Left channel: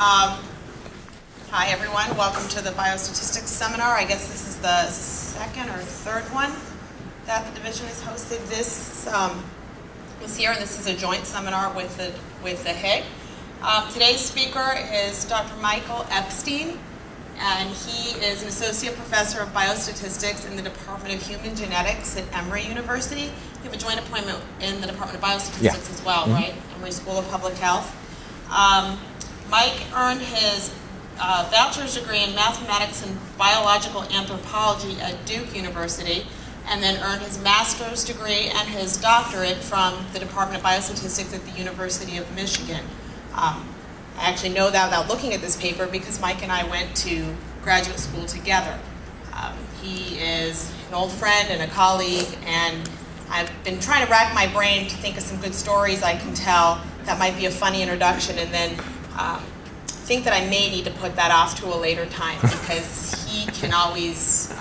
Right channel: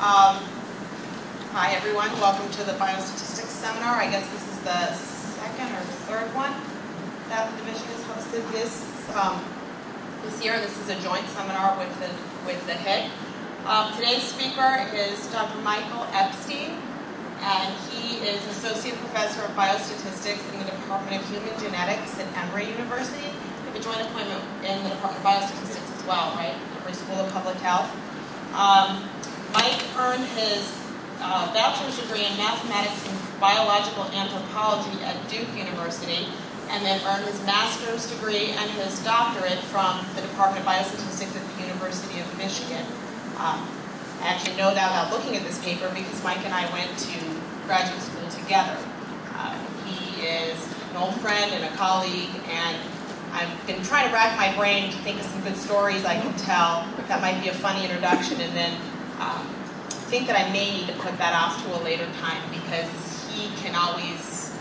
Hi everyone, welcome to the Biostatistics Seminar. I guess this is the second or third one that the division has hosted this year, and this is a joint seminar with the HIG. Today's speaker is Dr. Michael Epstein, and he is an associate professor of biostatistics in the Department of Human Genetics at Emory University. You have a joint appointment in the Department of Biostatistics as well, right? Emory School of Public Health. Mike earned his bachelor's degree in mathematics and biological anthropology at Duke University, and then earned his master's degree and his doctorate from the Department of Biostatistics at the University of Michigan. I actually know that without looking at this paper because Mike and I went to graduate school together. He is an old friend and a colleague, and I've been trying to rack my brain to think of some good stories I can tell that might be a funny introduction, and then think that I may need to put that off to a later time because he can always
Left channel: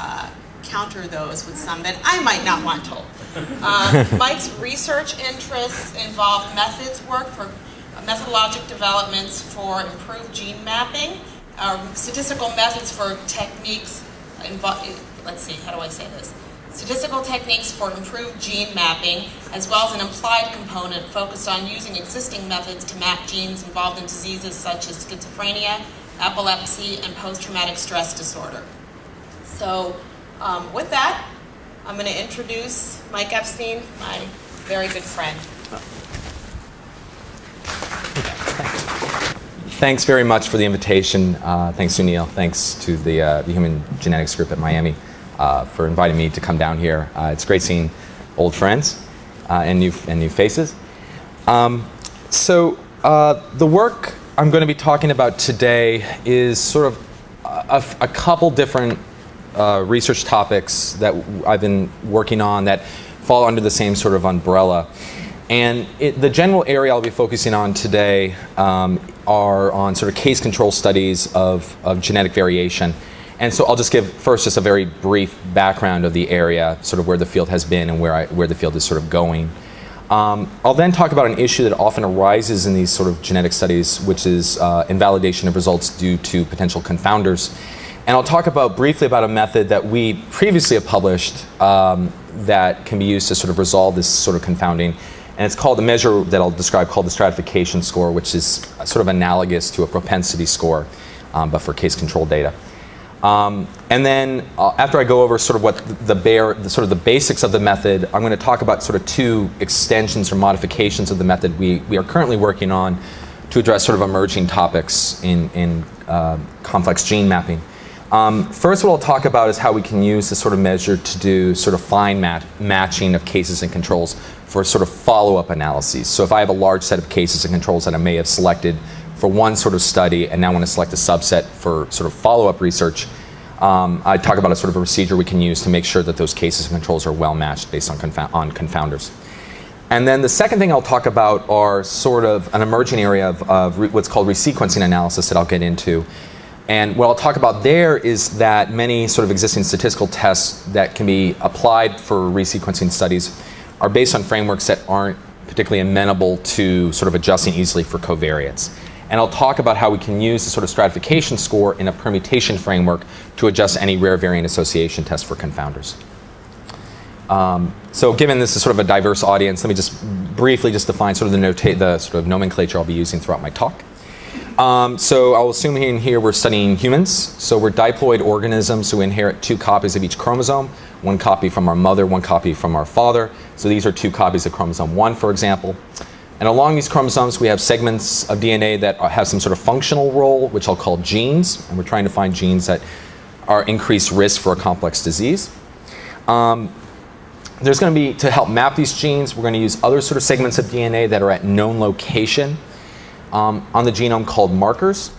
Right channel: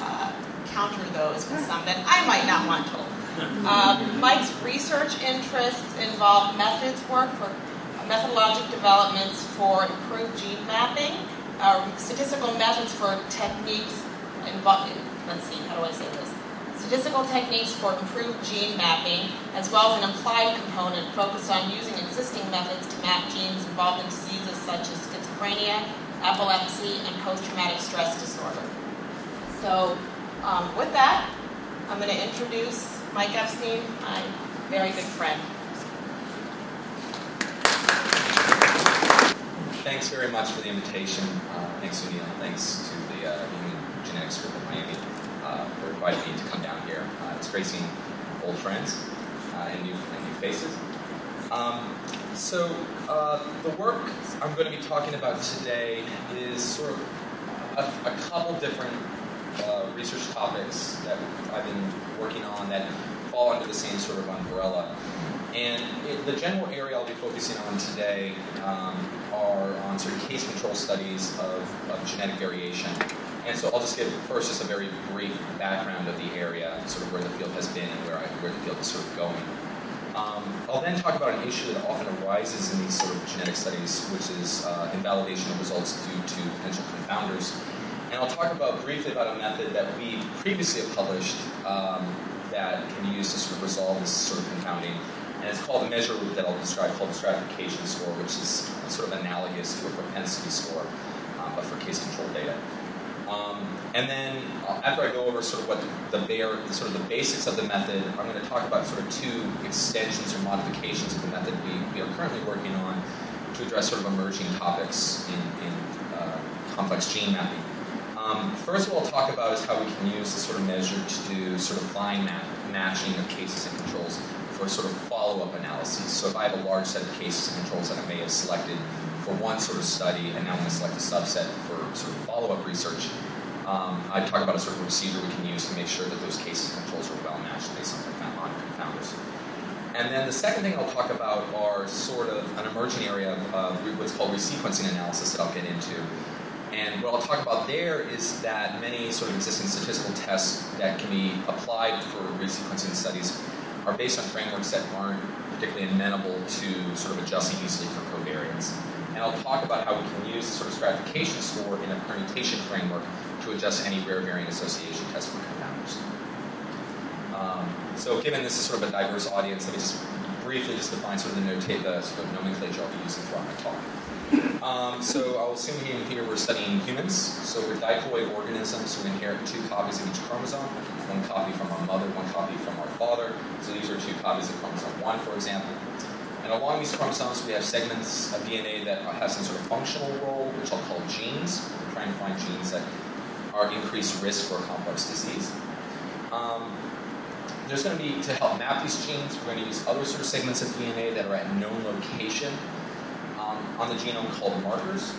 counter those with some that I might not want told. Mike's research interests involve methods work for methodologic developments for improved gene mapping, statistical methods for techniques let's see, how do I say this? Statistical techniques for improved gene mapping, as well as an applied component focused on using existing methods to map genes involved in diseases such as schizophrenia, epilepsy, and post-traumatic stress disorder. So with that, I'm going to introduce Mike Epstein, my very good friend. Thanks very much for the invitation. Thanks, Sunil. Thanks to the Human Genetics group at Miami for inviting me to come down here. It's great seeing old friends and new faces. So the work I'm going to be talking about today is sort of a couple different research topics that I've been working on that fall under the same sort of umbrella. And the general area I'll be focusing on today are on sort of case control studies of genetic variation. And so I'll just give first just a very brief background of the area, sort of where the field has been and where the field is sort of going. I'll then talk about an issue that often arises in these sort of genetic studies, which is invalidation of results due to potential confounders. And I'll talk briefly about a method that we previously have published that can be used to sort of resolve this sort of confounding. And it's called a measure that I'll describe called the stratification score, which is sort of analogous to a propensity score, but for case control data. And then after I go over sort of what the basics of the method, I'm going to talk about sort of two extensions or modifications of the method we are currently working on to address sort of emerging topics in complex gene mapping. First, what I'll talk about is how we can use this sort of measure to do sort of fine matching of cases and controls for sort of follow-up analyses. So if I have a large set of cases and controls that I may have selected for one sort of study and now want to select a subset for sort of follow-up research, I talk about a sort of a procedure we can use to make sure that those cases and controls are well matched based on confounders. And then the second thing I'll talk about are sort of an emerging area of what's called resequencing analysis that I'll get into. And what I'll talk about there is that many sort of existing statistical tests that can be applied for resequencing studies are based on frameworks that aren't particularly amenable to sort of adjusting easily for covariates. And I'll talk about how we can use the sort of stratification score in a permutation framework to adjust any rare variant association test for confounders. So given this is sort of a diverse audience, let me just briefly just define sort of the sort of nomenclature I'll be using throughout my talk. So I'll assume in here we're studying humans. So we're diploid organisms who inherit 2 copies of each chromosome, 1 copy from our mother, 1 copy from our father. So these are 2 copies of chromosome 1, for example. And along these chromosomes, we have segments of DNA that have some sort of functional role, which I'll call genes. And we're trying to find genes that are increased risk for a complex disease. There's going to be, to help map these genes, we're going to use other sort of segments of DNA that are at known location on the genome called markers,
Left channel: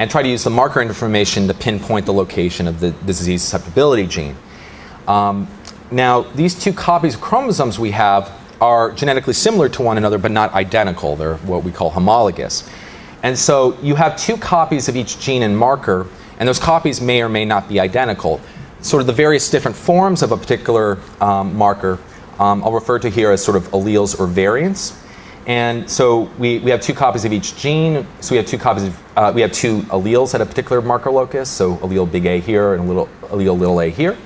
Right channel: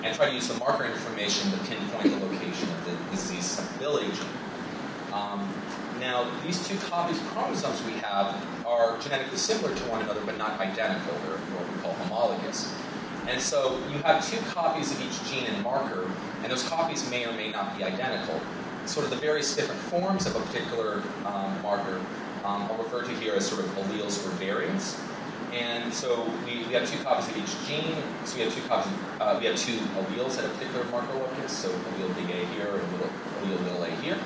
and try to use the marker information to pinpoint the location of the disease susceptibility gene. Now, these 2 copies of chromosomes we have are genetically similar to one another, but not identical. They're what we call homologous. And so you have 2 copies of each gene and marker, and those copies may or may not be identical. Sort of the various different forms of a particular marker I'll refer to here as sort of alleles or variants. And so we have 2 copies of each gene. So we have 2 copies of, we have 2 alleles at a particular marker locus. So allele big A here and allele little a here.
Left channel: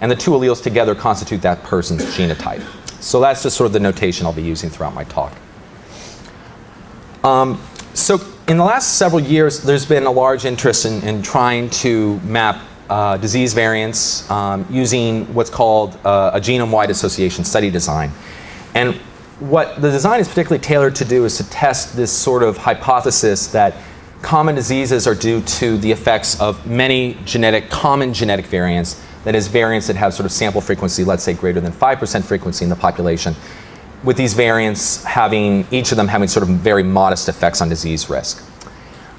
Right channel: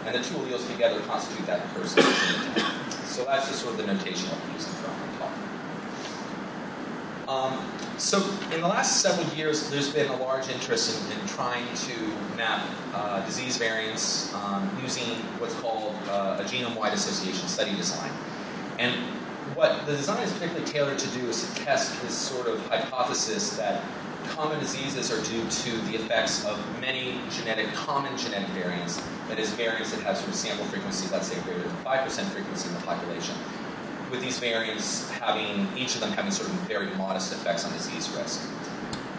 And the 2 alleles together constitute that person's genotype. So that's just sort of the notation I'll be using throughout my talk. So in the last several years, there's been a large interest in trying to map disease variants using what's called a genome-wide association study design. And what the design is particularly tailored to do is to test this sort of hypothesis that common diseases are due to the effects of many common genetic variants, that is, variants that have sort of sample frequency, let's say greater than 5% frequency in the population, with these variants each of them having sort of very modest effects on disease risk.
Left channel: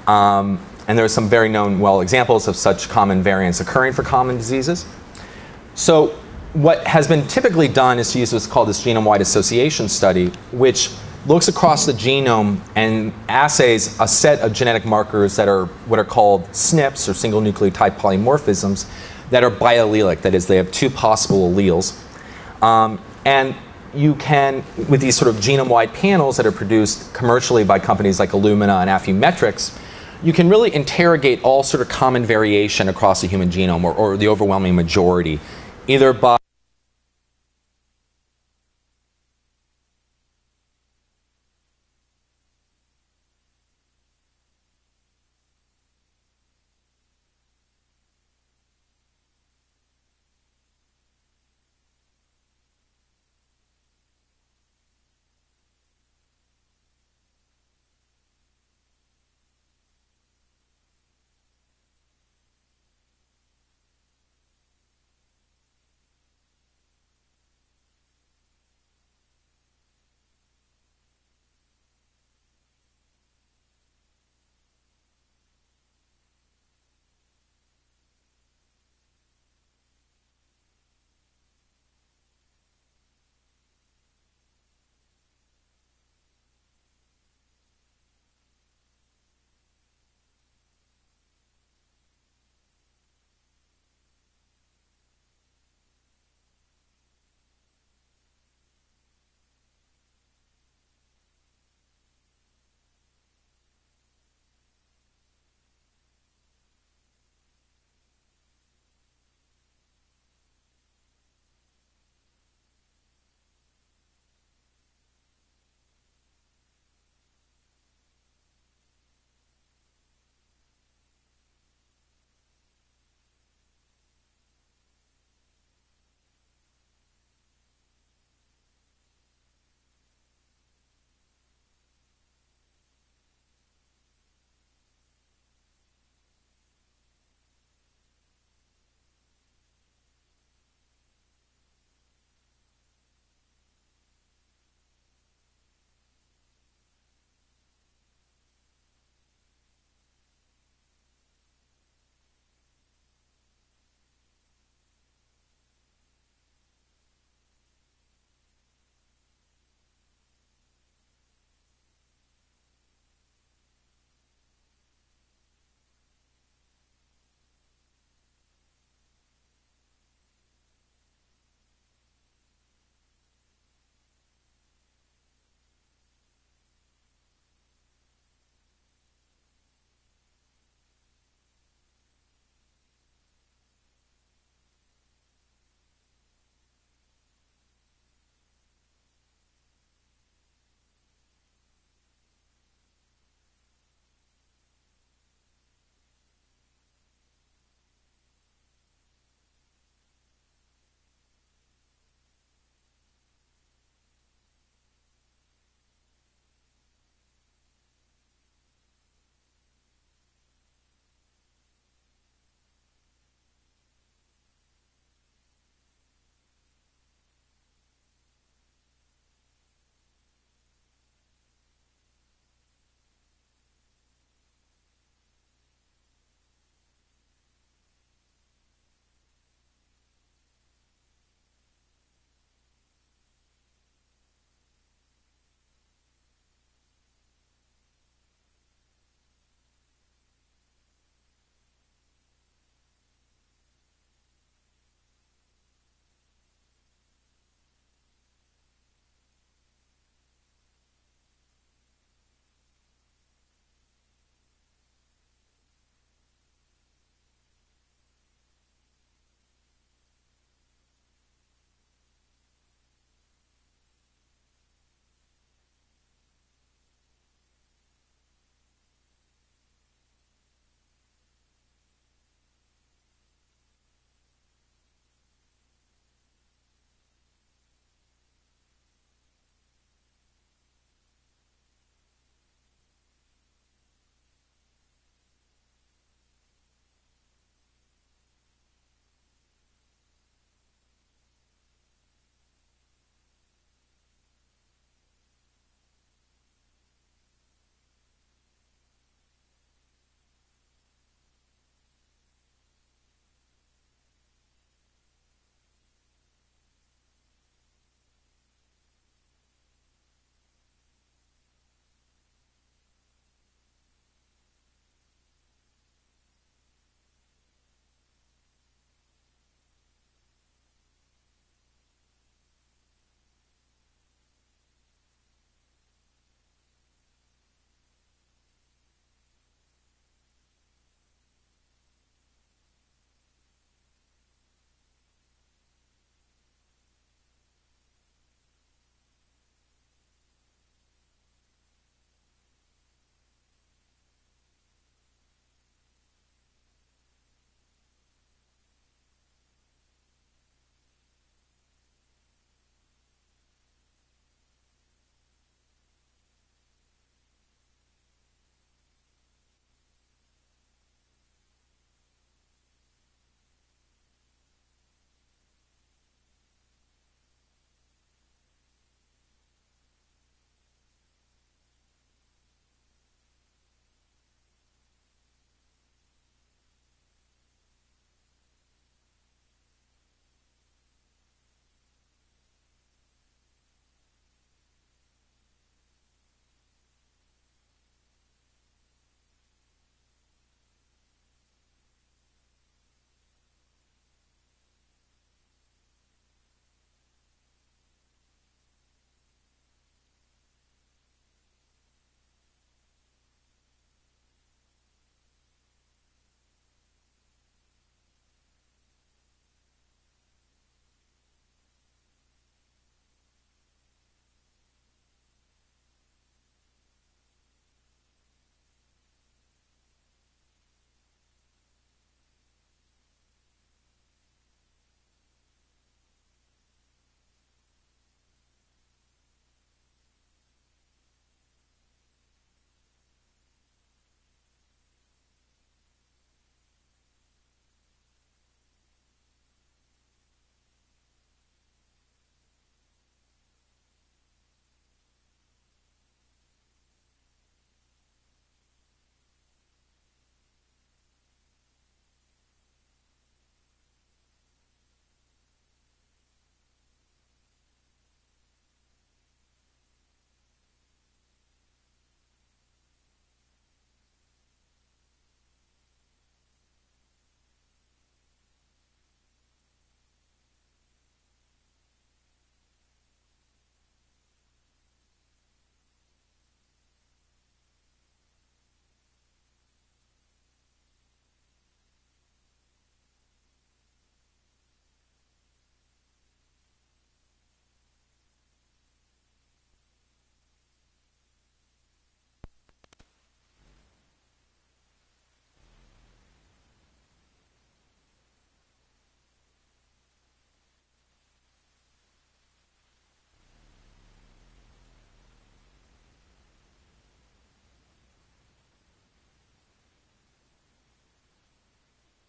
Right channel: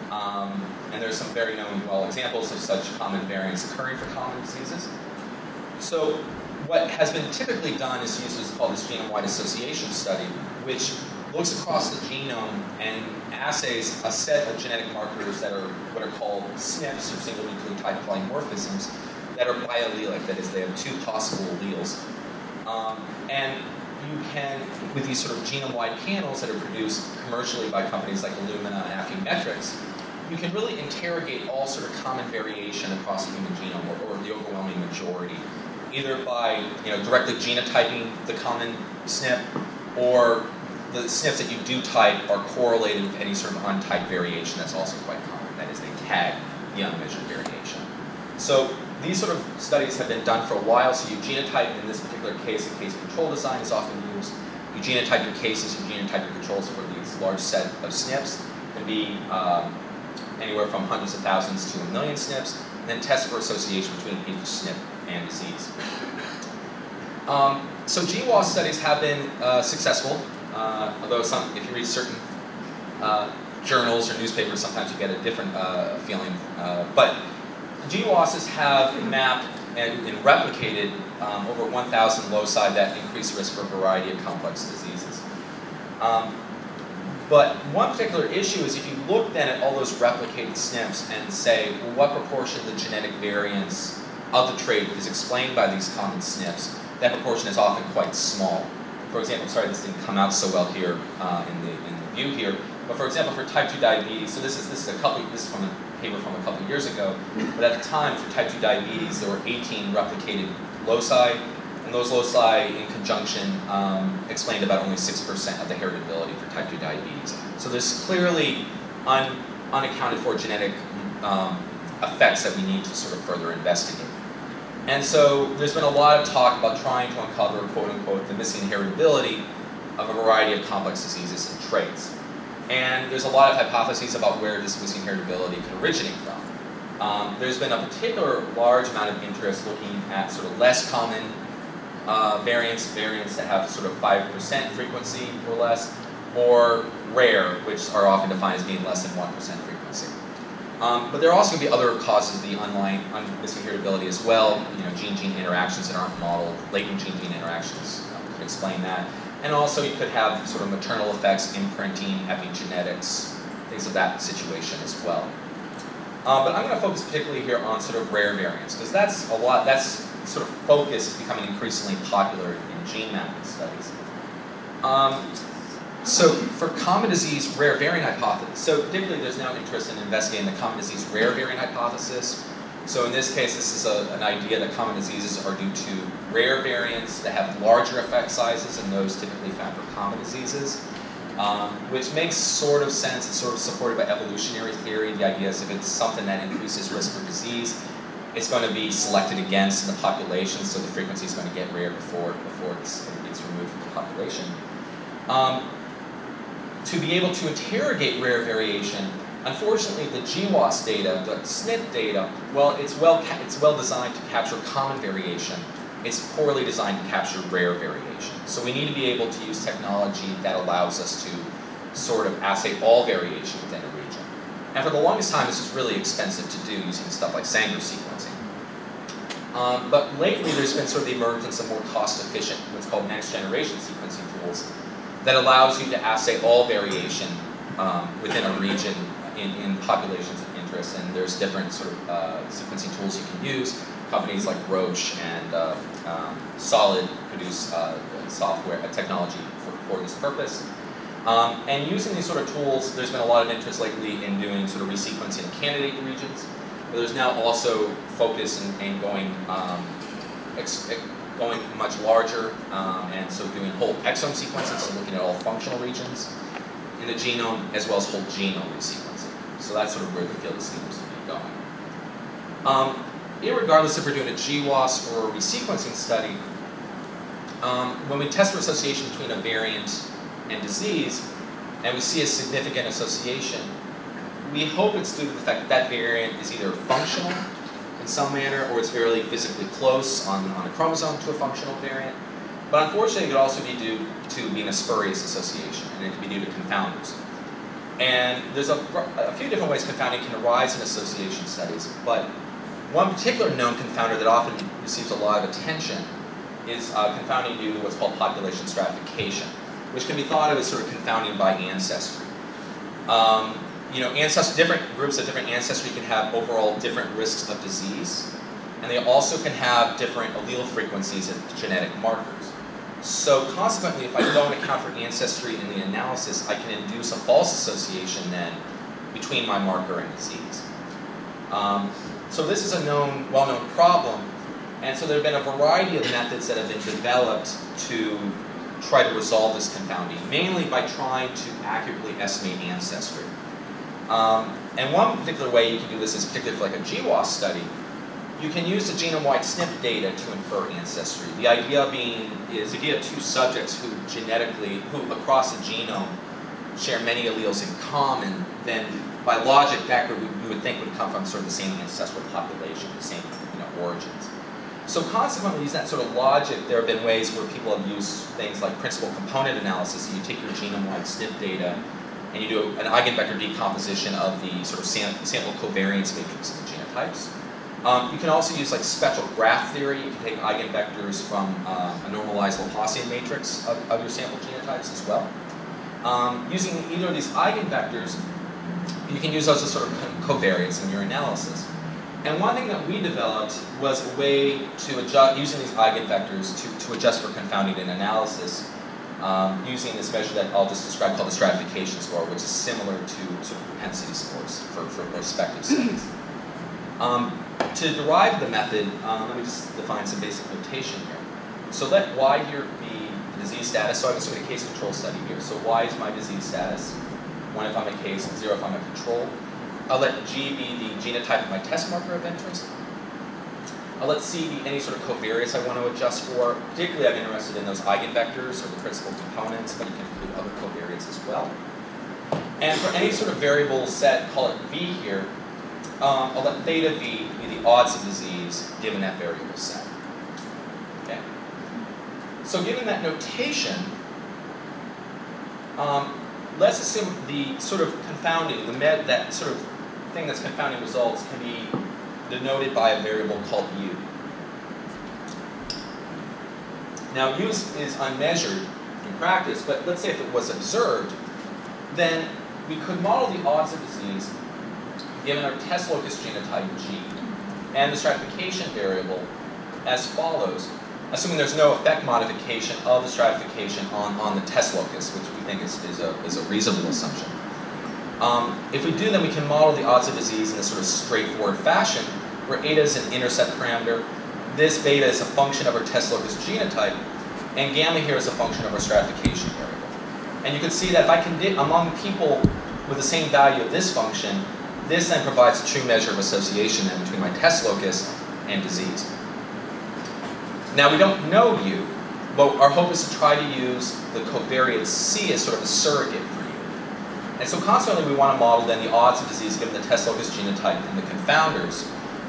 And there are some very known, examples of such common variants occurring for common diseases. So what has been typically done is to use what's called this genome-wide association study, which looks across the genome and assays a set of genetic markers that are what are called SNPs, or single nucleotide polymorphisms, that are biallelic. That is, they have 2 possible alleles. And you can, with these sort of genome-wide panels that are produced commercially by companies like Illumina and Affymetrix, you can really interrogate all sort of common variation across the human genome, or the overwhelming majority, either by directly genotyping the common SNP, or the SNPs that you do type are correlated with any sort of untyped variation that's also quite common. That is, they tag the unmeasured variation. So these sort of studies have been done for a while. So you genotype, in this particular case, a case control design is often used. You genotype your cases, you genotype your controls for these large set of SNPs. It can be anywhere from hundreds of thousands to 1 million SNPs, and then test for association between each SNP and disease. So GWAS studies have been successful, although if you read certain journals or newspapers, sometimes you get a different feeling. But GWASs have mapped and replicated over 1,000 loci that increase risk for a variety of complex diseases. But one particular issue is if you look then at all those replicated SNPs and say, well, what proportion of the genetic variance of the trait is explained by these common SNPs, that proportion is often quite small. For example, sorry this didn't come out so well here in the view here, but for example, for type 2 diabetes, so this is from a paper from a couple years ago, but at the time for type 2 diabetes, there were 18 replicated loci, and those loci in conjunction explained about only 6% of the heritability for type 2 diabetes. So there's clearly unaccounted for genetic effects that we need to sort of further investigate. And so there's been a lot of talk about trying to uncover, quote unquote, the missing heritability of a variety of complex diseases and traits. And there's a lot of hypotheses about where this missing heritability could originate from. There's been a particular large amount of interest looking at sort of less common variants that have sort of 5% frequency or less, or rare, which are often defined as being less than 1% frequency. But there are also going to be other causes of the underlying missing heritability as well. Gene-gene interactions that aren't modeled, latent gene-gene interactions could explain that. And also you could have sort of maternal effects, imprinting, epigenetics, things of that situation as well. But I'm going to focus particularly here on sort of rare variants, because that's sort of focus is becoming increasingly popular in gene mapping studies. So for common disease rare variant hypothesis, so particularly there's now interest in investigating the common disease rare variant hypothesis. So in this case, this is an idea that common diseases are due to rare variants that have larger effect sizes than those typically found for common diseases, which makes sort of sense. It's sort of supported by evolutionary theory. The idea is if it's something that increases risk for disease, it's going to be selected against in the population, so the frequency is going to get rare before it gets removed from the population. To be able to interrogate rare variation, unfortunately, the GWAS data, the SNP data, well, it's well designed to capture common variation. It's poorly designed to capture rare variation. So we need to be able to use technology that allows us to sort of assay all variation within a region. And for the longest time, this was really expensive to do using stuff like Sanger sequencing. But lately, there's been sort of the emergence of more cost-efficient, what's called next-generation sequencing tools that allows you to assay all variation within a region in populations of interest. And there's different sort of sequencing tools you can use. Companies like Roche and Solid produce software technology for this purpose. And using these sort of tools, there's been a lot of interest lately in doing sort of resequencing of candidate regions. But there's now also focus in going going much larger, and so doing whole exome sequencing, so looking at all functional regions in the genome, as well as whole genome resequencing. So that's sort of where the field seems to be going. Irregardless if we're doing a GWAS or a resequencing study, when we test for association between a variant and disease, and we see a significant association, we hope it's due to the fact that that variant is either functional in some manner, or it's fairly physically close on a chromosome to a functional variant. But unfortunately, it could also be due to being a spurious association, and it could be due to confounders. And there's a few different ways confounding can arise in association studies, but one particular known confounder that often receives a lot of attention is confounding due to what's called population stratification, which can be thought of as sort of confounding by ancestry. Different groups of different ancestry can have overall different risks of disease, and they also can have different allele frequencies and genetic markers. So consequently, if I don't account for ancestry in the analysis, I can induce a false association then between my marker and disease. So this is a well-known problem, and so there have been a variety of methods that have been developed to try to resolve this confounding, mainly by trying to accurately estimate ancestry. And one particular way you can do this is particularly for like a GWAS study. You can use the genome-wide SNP data to infer ancestry. The idea being is if you have two subjects who across the genome share many alleles in common, then by logic that group you would think would come from sort of the same ancestral population, the same origins. So consequently, using that sort of logic, there have been ways where people have used things like principal component analysis. So you take your genome-wide SNP data and you do an eigenvector decomposition of the sort of sample covariance matrix of the genotypes. You can also use like spectral graph theory. You can take eigenvectors from a normalized Laplacian matrix of your sample genotypes as well. Using either of these eigenvectors, you can use those as sort of covariates in your analysis. And one thing that we developed was a way to adjust, using these eigenvectors to adjust for confounding in analysis, using this measure that I'll just describe called the stratification score, which is similar to sort of propensity scores for prospective studies. To derive the method, let me just define some basic notation here. So let Y here be the disease status. So I'm assuming a case control study here. So Y is my disease status, 1 if I'm a case, and 0 if I'm a control. I'll let G be the genotype of my test marker of interest. I'll let C be any sort of covariates I want to adjust for. Particularly, I'm interested in those eigenvectors or the principal components, but you can include other covariates as well. And for any sort of variable set, call it V here, I'll let theta V be the odds of disease given that variable set. Okay. So given that notation, let's assume the sort of confounding, that sort of thing that's confounding results can be denoted by a variable called U. Now U is unmeasured in practice, but let's say if it was observed, then we could model the odds of disease given our test locus genotype G and the stratification variable as follows, assuming there's no effect modification of the stratification on the test locus, which we think is a reasonable assumption. If we do, then we can model the odds of disease in a sort of straightforward fashion, where eta is an intercept parameter, this beta is a function of our test locus genotype, and gamma here is a function of our stratification variable. And you can see that if I can among people with the same value of this function, this then provides a true measure of association then between my test locus and disease. Now we don't know U, but our hope is to try to use the covariate C as sort of a surrogate for U. And so consequently we want to model then the odds of disease given the test locus genotype and the confounders,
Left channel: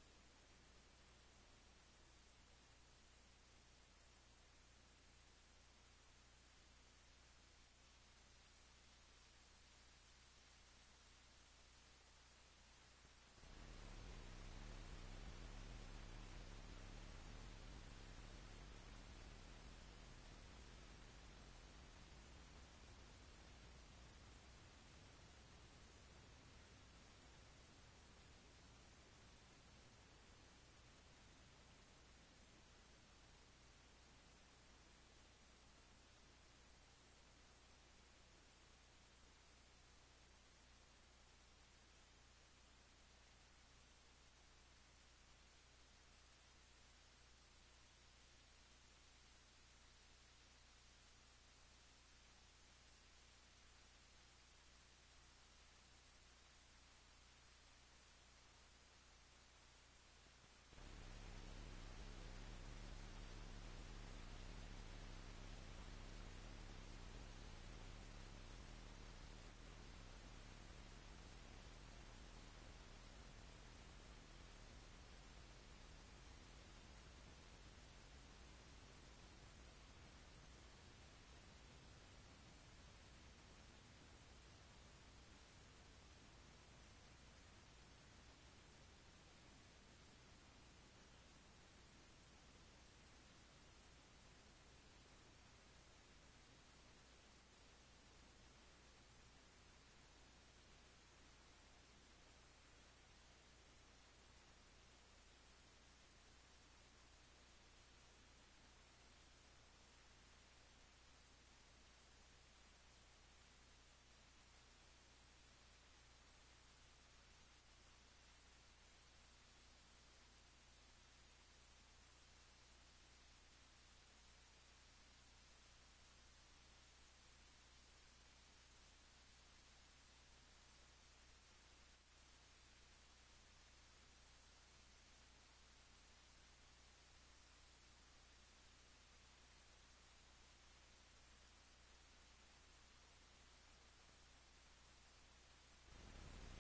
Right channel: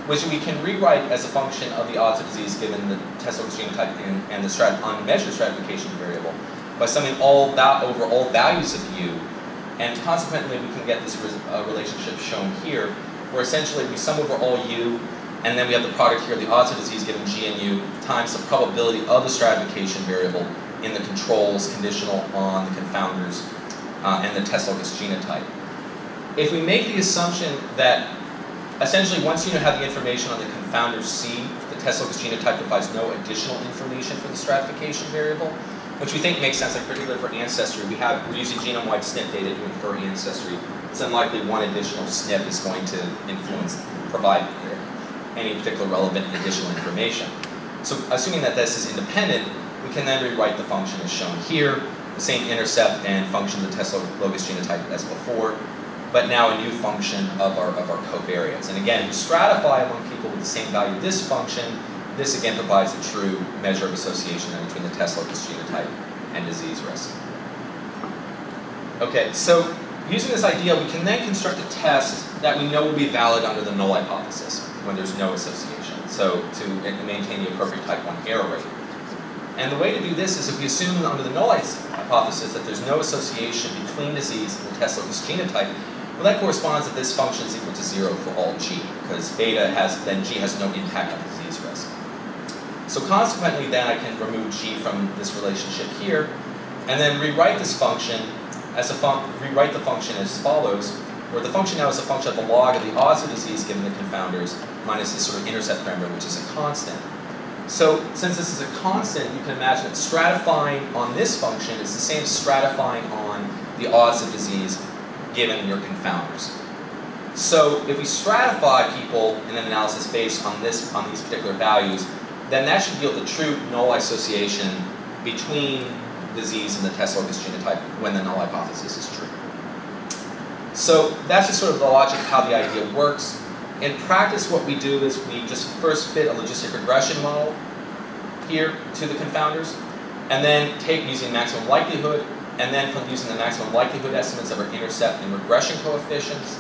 which we can rewrite as a function of the odds of disease given the test locus genotype and the unmeasured stratification variable by summing over all values of U. And consequently, we can get this relationship shown here, where essentially we sum over all U, and then we have the product here, the odds of disease given G and U, times the probability of the stratification variable in the controls conditional on the confounders and the test locus genotype. If we make the assumption that essentially once you have the information on the confounder C, the test locus genotype provides no additional information for the stratification variable, which we think makes sense, in particular for ancestry. We're using genome-wide SNP data to infer ancestry. It's unlikely one additional SNP is going to provide any particular relevant additional information. So assuming that this is independent, we can then rewrite the function as shown here, the same intercept and function of the test locus genotype as before, but now a new function of our covariates. And again, if we stratify among people with the same value of this function, this again provides a true measure of association between the test locus genotype and disease risk. Okay, so using this idea, we can then construct a test that we know will be valid under the null hypothesis when there's no association, so to maintain the appropriate type 1 error rate. And the way to do this is if we assume under the null hypothesis that there's no association between disease and the test locus genotype, well, that corresponds that this function is equal to 0 for all g, because beta then g has no impact on disease risk. So consequently, then I can remove g from this relationship here, and then rewrite this function as rewrite the function as follows, where the function now is a function of the log of the odds of disease given the confounders minus this sort of intercept parameter, which is a constant. So since this is a constant, you can imagine that stratifying on this function is the same as stratifying on the odds of disease given your confounders. So if we stratify people in an analysis based on these particular values, then that should yield the true null association between disease and the test locus genotype when the null hypothesis is true. So that's just sort of the logic of how the idea works. In practice, what we do is we just first fit a logistic regression model here to the confounders, and then take using maximum likelihood, and then from using the maximum likelihood estimates of our intercept and regression coefficients,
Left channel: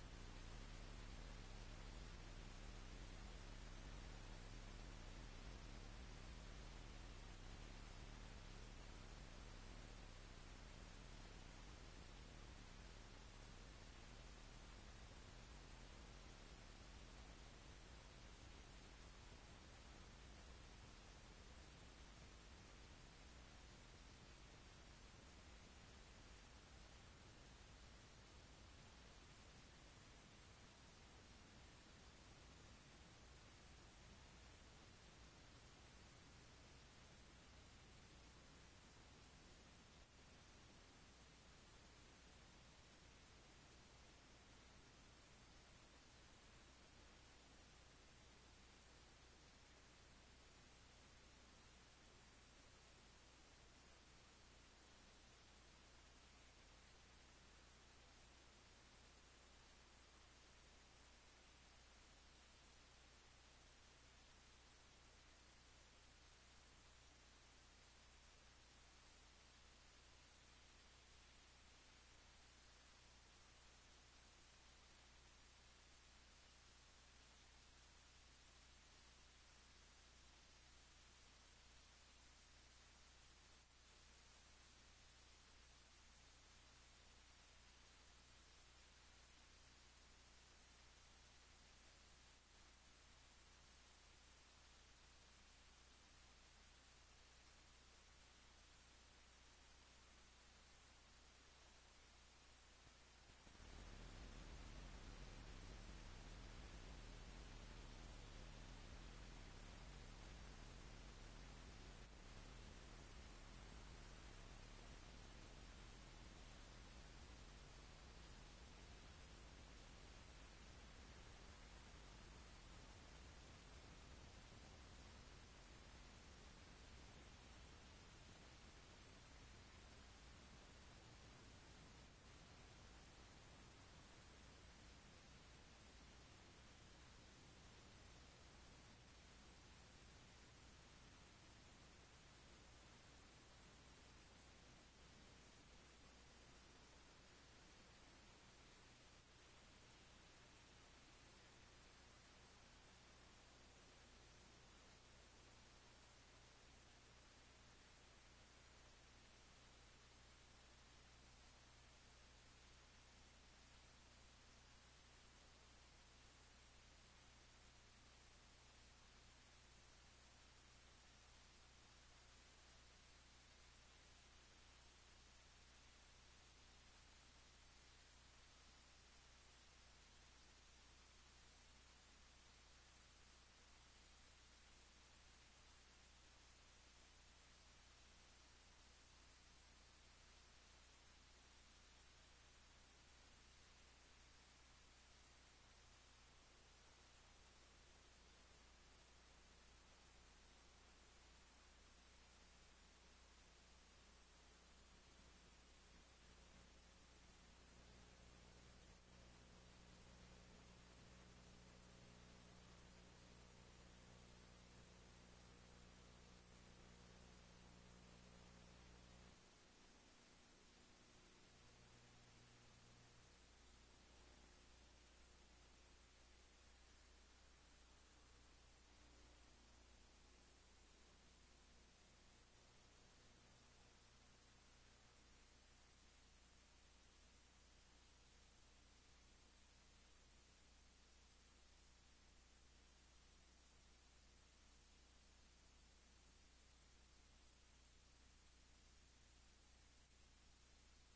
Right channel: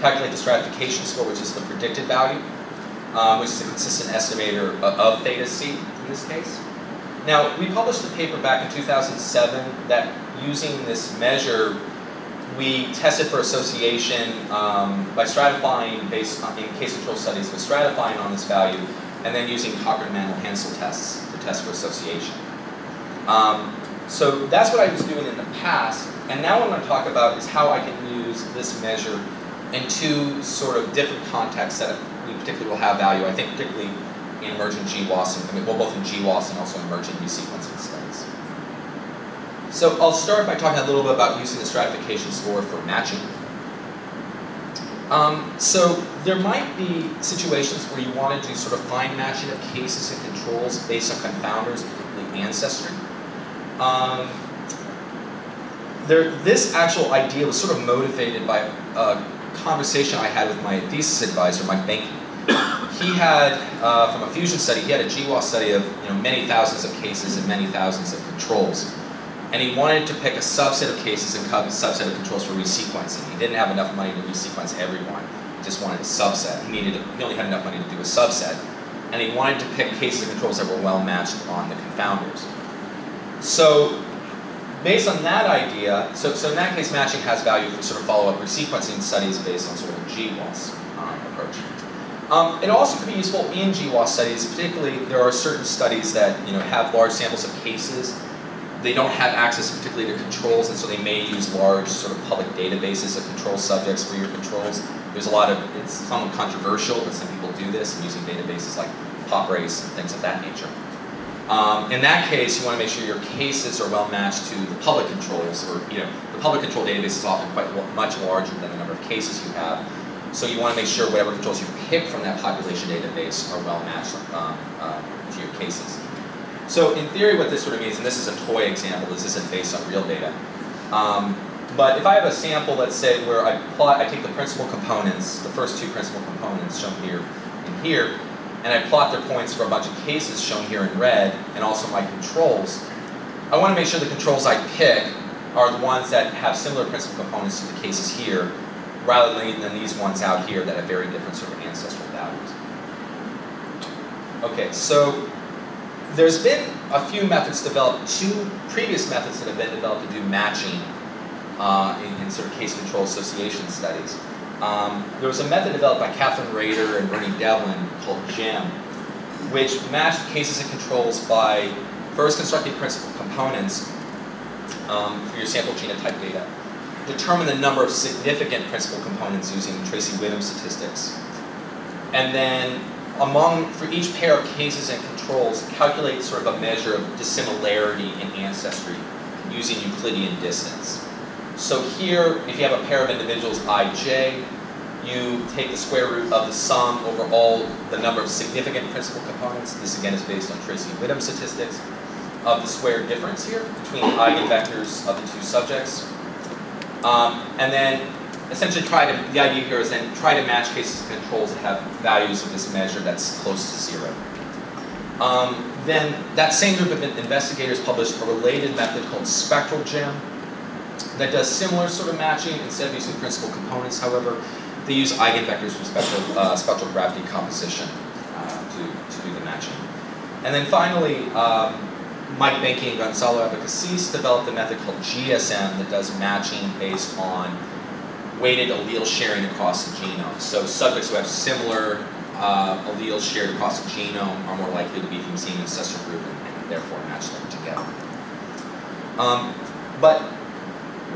calculate the stratification score, which is the predicted value, which is a consistent estimator of theta c in this case. Now, we published a paper back in 2007 that using this measure, we tested for association by stratifying based on, in case control studies, but stratifying on this value, and then using Cochran-Mantel-Hansel tests to test for association. So that's what I was doing in the past, and now what I'm going to talk about is how I can use this measure in two sort of different contexts that we particularly will have value, I think particularly in emergent GWAS, well, both in GWAS and also emergent resequencing studies. So I'll start by talking a little bit about using the stratification score for matching. So there might be situations where you want to do sort of fine matching of cases and controls based on confounders, particularly ancestry. This actual idea was sort of motivated by a conversation I had with my thesis advisor, Mike Benke. He had, from a fusion study, he had a GWAS study of many thousands of cases and many thousands of controls. And he wanted to pick a subset of cases and a subset of controls for resequencing. He didn't have enough money to resequence everyone. He just wanted a subset. He only had enough money to do a subset. And he wanted to pick cases and controls that were well matched on the confounders. So based on that idea, so in that case, matching has value for sort of follow-up resequencing studies based on sort of a GWAS approach. It also could be useful in GWAS studies. Particularly, there are certain studies that have large samples of cases. They don't have access particularly to controls, and so they may use large sort of public databases of control subjects for your controls. There's a lot of, it's somewhat controversial, but some people do this and using databases like PopRace and things of that nature. In that case, you want to make sure your cases are well matched to the public controls, or the public control database is often quite much larger than the number of cases you have. So you want to make sure whatever controls you pick from that population database are well matched to your cases. So in theory, what this sort of means, and this is a toy example, this isn't based on real data, but if I have a sample, let's say, where I take the principal components, the first two principal components shown here and here, and I plot their points for a bunch of cases shown here in red, and also my controls, I want to make sure the controls I pick are the ones that have similar principal components to the cases here, rather than these ones out here that have very different sort of ancestral values. Okay, so there's been a few methods developed, two previous methods that have been developed to do matching in sort of case control association studies. There was a method developed by Catherine Rader and Bernie Devlin called GEM, which matched cases and controls by first constructing principal components for your sample genotype data, determine the number of significant principal components using Tracy-Whittam statistics, and then for each pair of cases and controls, controls, calculate sort of a measure of dissimilarity in ancestry using Euclidean distance. So here, if you have a pair of individuals ij, you take the square root of the sum over all the number of significant principal components. This again is based on Tracy-Whittam statistics of the square difference here between the eigenvectors of the two subjects. And then essentially the idea here is then try to match cases and controls that have values of this measure that's close to 0. Then that same group of investigators published a related method called spectral gem that does similar sort of matching. Instead of using principal components, however, they use eigenvectors from spectral graph decomposition to do the matching. And then finally, Mike Benke and Gonzalo Abacasis developed a method called GSM that does matching based on weighted allele sharing across the genome. So subjects who have similar alleles shared across the genome are more likely to be from the same ancestral group and therefore match them together. But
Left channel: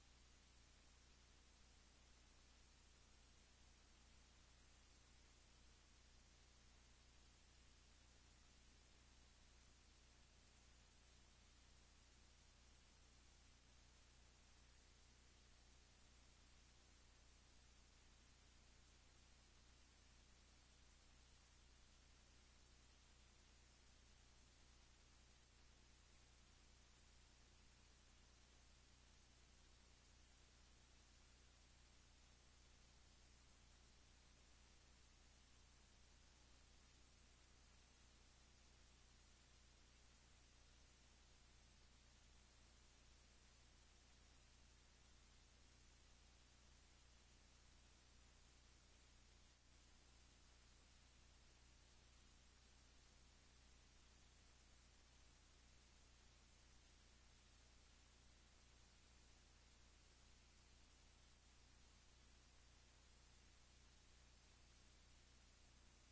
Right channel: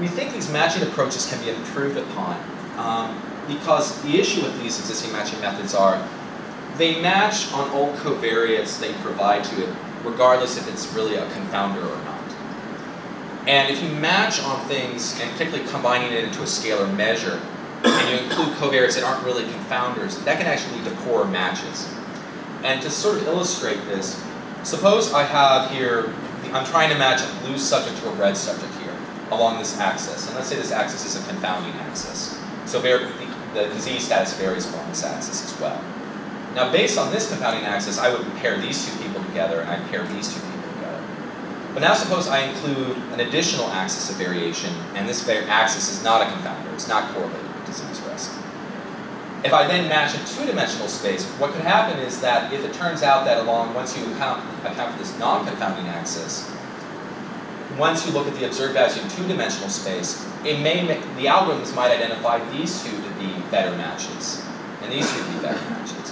we think these matching approaches can be improved upon because the issue with these existing matching methods are they match on all covariates they provide to it, regardless if it's really a confounder or not. And if you match on things, and particularly combining it into a scalar measure, and you include covariates that aren't really confounders, that can actually lead to poorer matches. And to sort of illustrate this, suppose I have here, I'm trying to match a blue subject to a red subject here along this axis. And let's say this axis is a confounding axis. So the disease status varies along this axis as well. Now based on this confounding axis, I would pair these two people together and I'd pair these two people together. But now suppose I include an additional axis of variation, and this axis is not a confounder, it's not correlated with disease risk. If I then match a two-dimensional space, what could happen is that if it turns out that once you account for this non-confounding axis, once you look at the observed values in two-dimensional space, the algorithms might identify these two to be better matches, and these two to be better matches,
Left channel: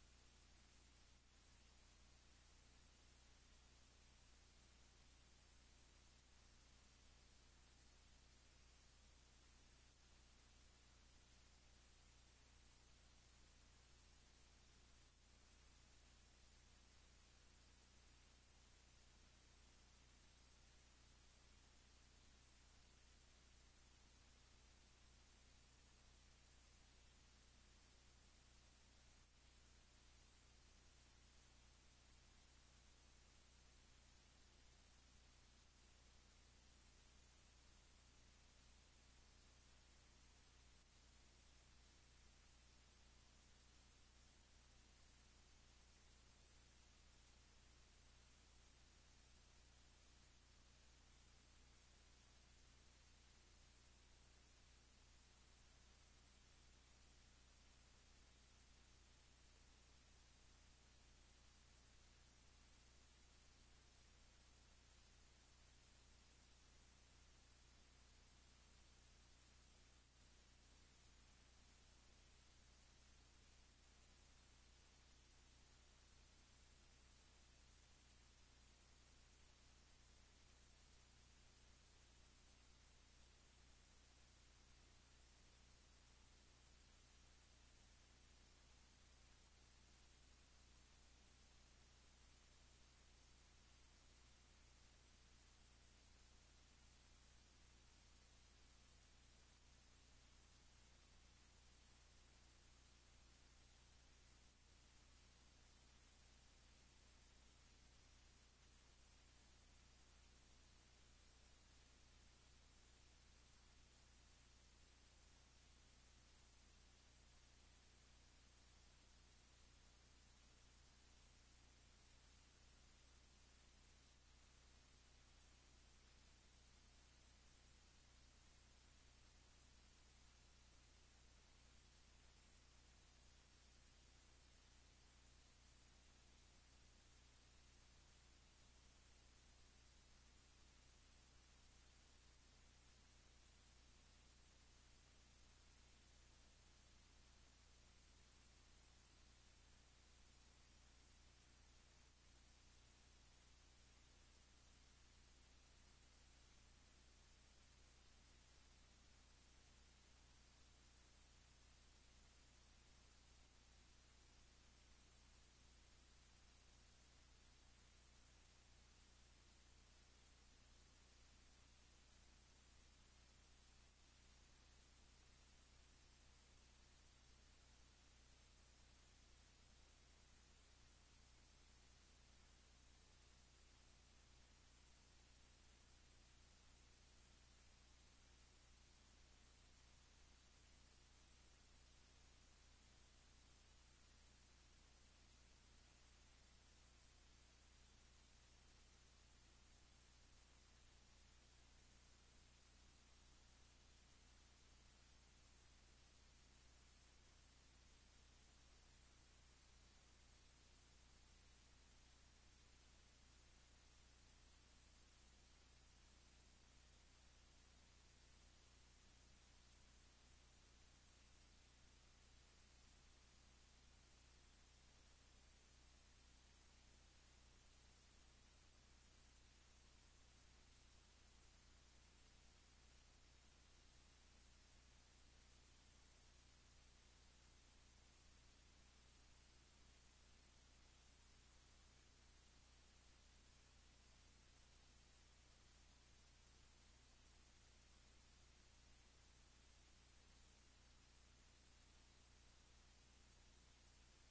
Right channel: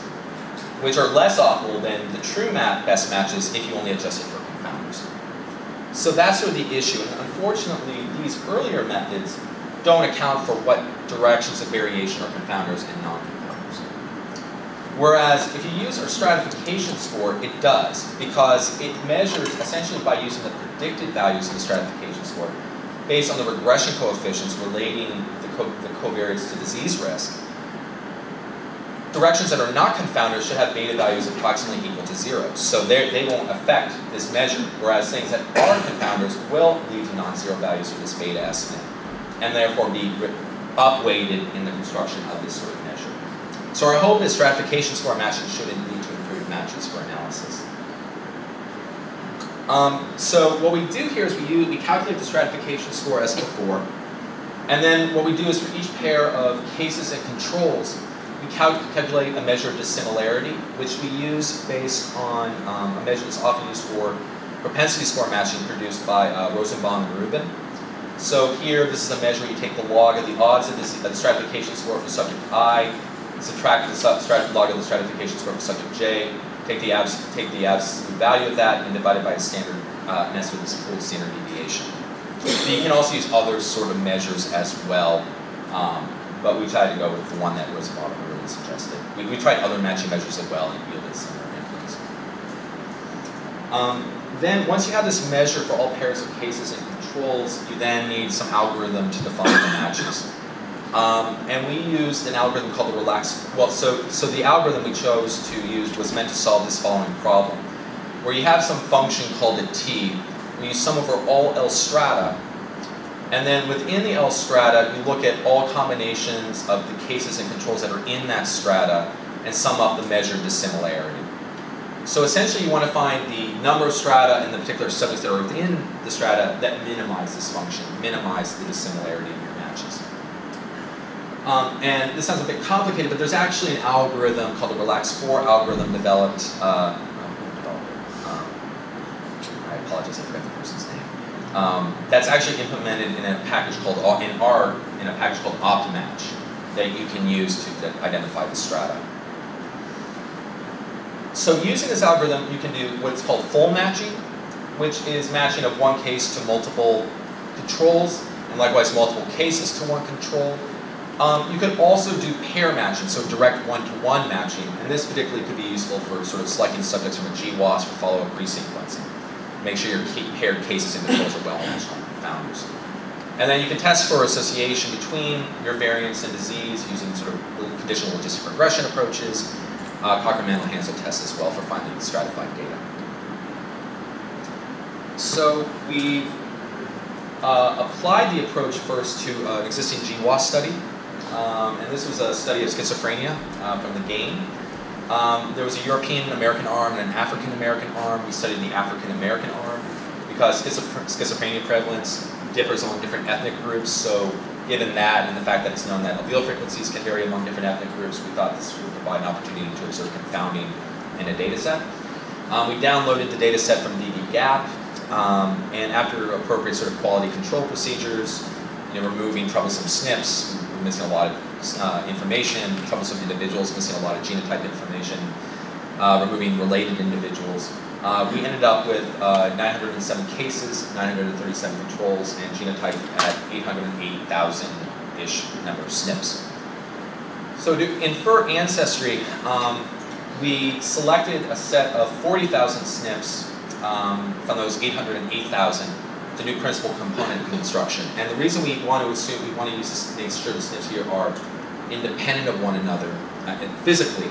which are less optimal than the true best matches if you only adjust it for confounders. So that's sort of the issue. And unfortunately, these earlier methods don't account for what directions of variation are confounders and non-confounders. Whereas if you use our stratification score, it does, because it measures essentially by using the predicted values of the stratification score based on the regression coefficients relating the covariates to disease risk. Directions that are not confounders should have beta values approximately equal to 0. So they won't affect this measure, whereas things that are confounders will lead to non-zero values for this beta estimate, and therefore be upweighted in the construction of this sort of measure. So our hope is stratification score matching should lead to improved matches for analysis. So what we do here is we calculate the stratification score as before, and then what we do is for each pair of cases and controls, we calculate a measure of dissimilarity, which we use based on a measure that's often used for propensity score matching produced by Rosenbaum and Rubin. So here, this is a measure where you take the log of the odds of the stratification score for subject I, subtract the log of the stratification score for subject J, take the absolute value of that, and divide it by a standard, and that's with this pooled standard deviation. So you can also use other sort of measures as well, but we tried to go with the one that Rosenbaum and Rubin suggested. We tried other matching measures as well and yielded similar influence. Then once you have this measure for all pairs of cases and controls, you then need some algorithm to define the matches. And we used an algorithm called the relaxed, so the algorithm we chose to use was meant to solve this following problem, where you have some function called a t, where you sum over all L strata, and then within the L strata, you look at all combinations of the cases and controls that are in that strata and sum up the measured dissimilarity. So essentially you want to find the number of strata and the particular subjects that are within the strata that minimize this function, minimize the dissimilarity in your matches. And this sounds a bit complicated, but there's actually an algorithm called the Relax4 algorithm developed, I apologize, I forgot the person's name. That's actually implemented in a package called, in a package called Optimatch that you can use to identify the strata. So using this algorithm, you can do what's called full matching, which is matching of one case to multiple controls, and likewise multiple cases to one control. You could also do pair matching, so direct one-to-one matching, and this particularly could be useful for sort of selecting subjects from a GWAS for follow-up resequencing. Make sure your paired cases and controls are well matched on confounders. And then you can test for association between your variants and disease using sort of conditional logistic regression approaches, Cocker-Mantel-Hansel tests as well for finding stratified data. So we've applied the approach first to an existing GWAS study. And this was a study of schizophrenia from the GAIN. There was a European-American arm and an African-American arm. We studied the African-American arm because schizophrenia prevalence differs among different ethnic groups. So given that and the fact that it's known that allele frequencies can vary among different ethnic groups, we thought this would provide an opportunity to observe confounding in a data set. We downloaded the data set from dbGaP, and after appropriate sort of quality control procedures, removing troublesome SNPs, we're missing a lot of information, troublesome individuals, missing a lot of genotype information, removing related individuals. We ended up with 907 cases, 937 controls, and genotype at 808,000-ish number of SNPs. So to infer ancestry, we selected a set of 40,000 SNPs from those 808,000 to do principal component construction. And the reason we want to assume, we want to use this, make sure the SNPs here are independent of one another physically,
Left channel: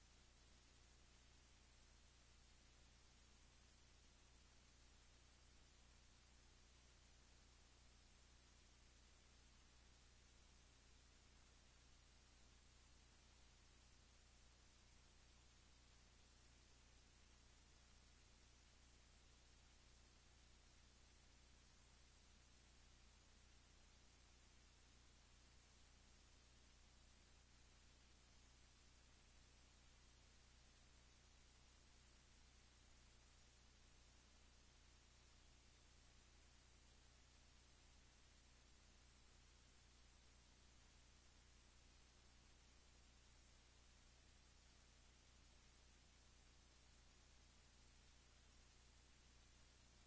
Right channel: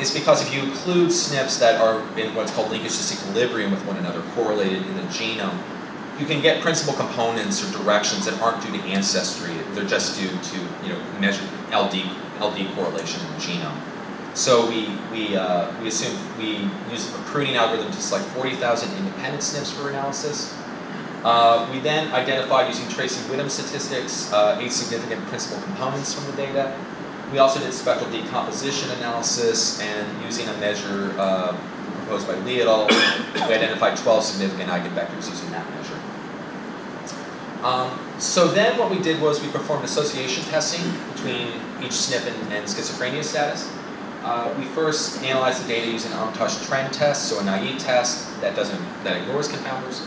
is because if you include SNPs that are in what's called linkage disequilibrium with one another, correlated in the genome, you can get principal components or directions that aren't due to ancestry. They're just due to measured LD correlation in the genome. So we assume we use a pruning algorithm to select 40,000 independent SNPs for analysis. We then identified using Tracy-Whittam statistics 8 significant principal components from the data. We also did spectral decomposition analysis, and using a measure proposed by Lee et al., we identified 12 significant eigenvectors using that measure. So then what we did was we performed association testing between each SNP and schizophrenia status. We first analyzed the data using an untouched trend test, so a naive test that ignores confounders.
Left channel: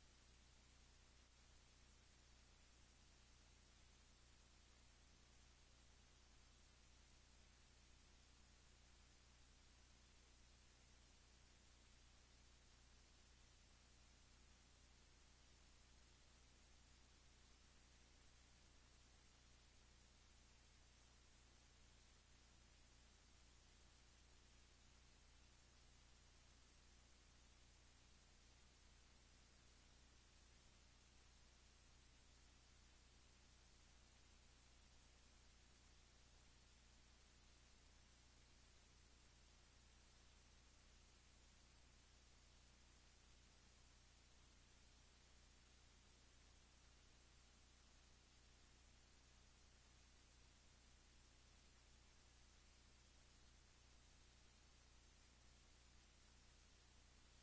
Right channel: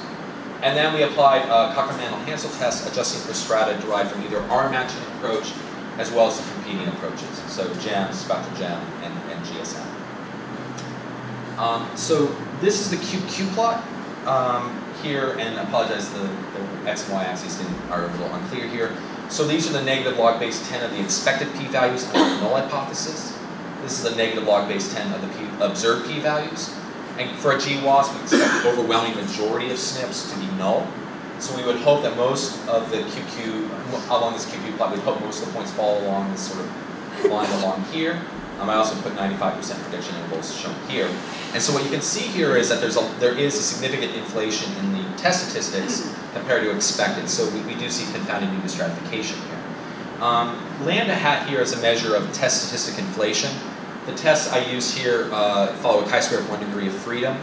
And then we applied a Cocker-Mantel-Hansel test adjusting for strata derived from either our matching approach as well as the competing approaches, so GEM, spectral GEM, and GSM. So this is the QQ plot here, and I apologize, the X and Y axes are a little unclear here. So these are the negative log base 10 of the expected p-values of the null hypothesis. This is the negative log base 10 of the observed p-values. And for a GWAS, we expect the overwhelming majority of SNPs to be null. So we would hope that most of the QQ, along this QQ plot, we'd hope most of the points fall along this sort of line along here. I also put 95% prediction intervals shown here. And so what you can see here is that there is a significant inflation in the test statistics compared to expected. So we do see confounding due to stratification here. Lambda hat here is a measure of test statistic inflation. The tests I used here follow a chi-square of 1 degree of freedom.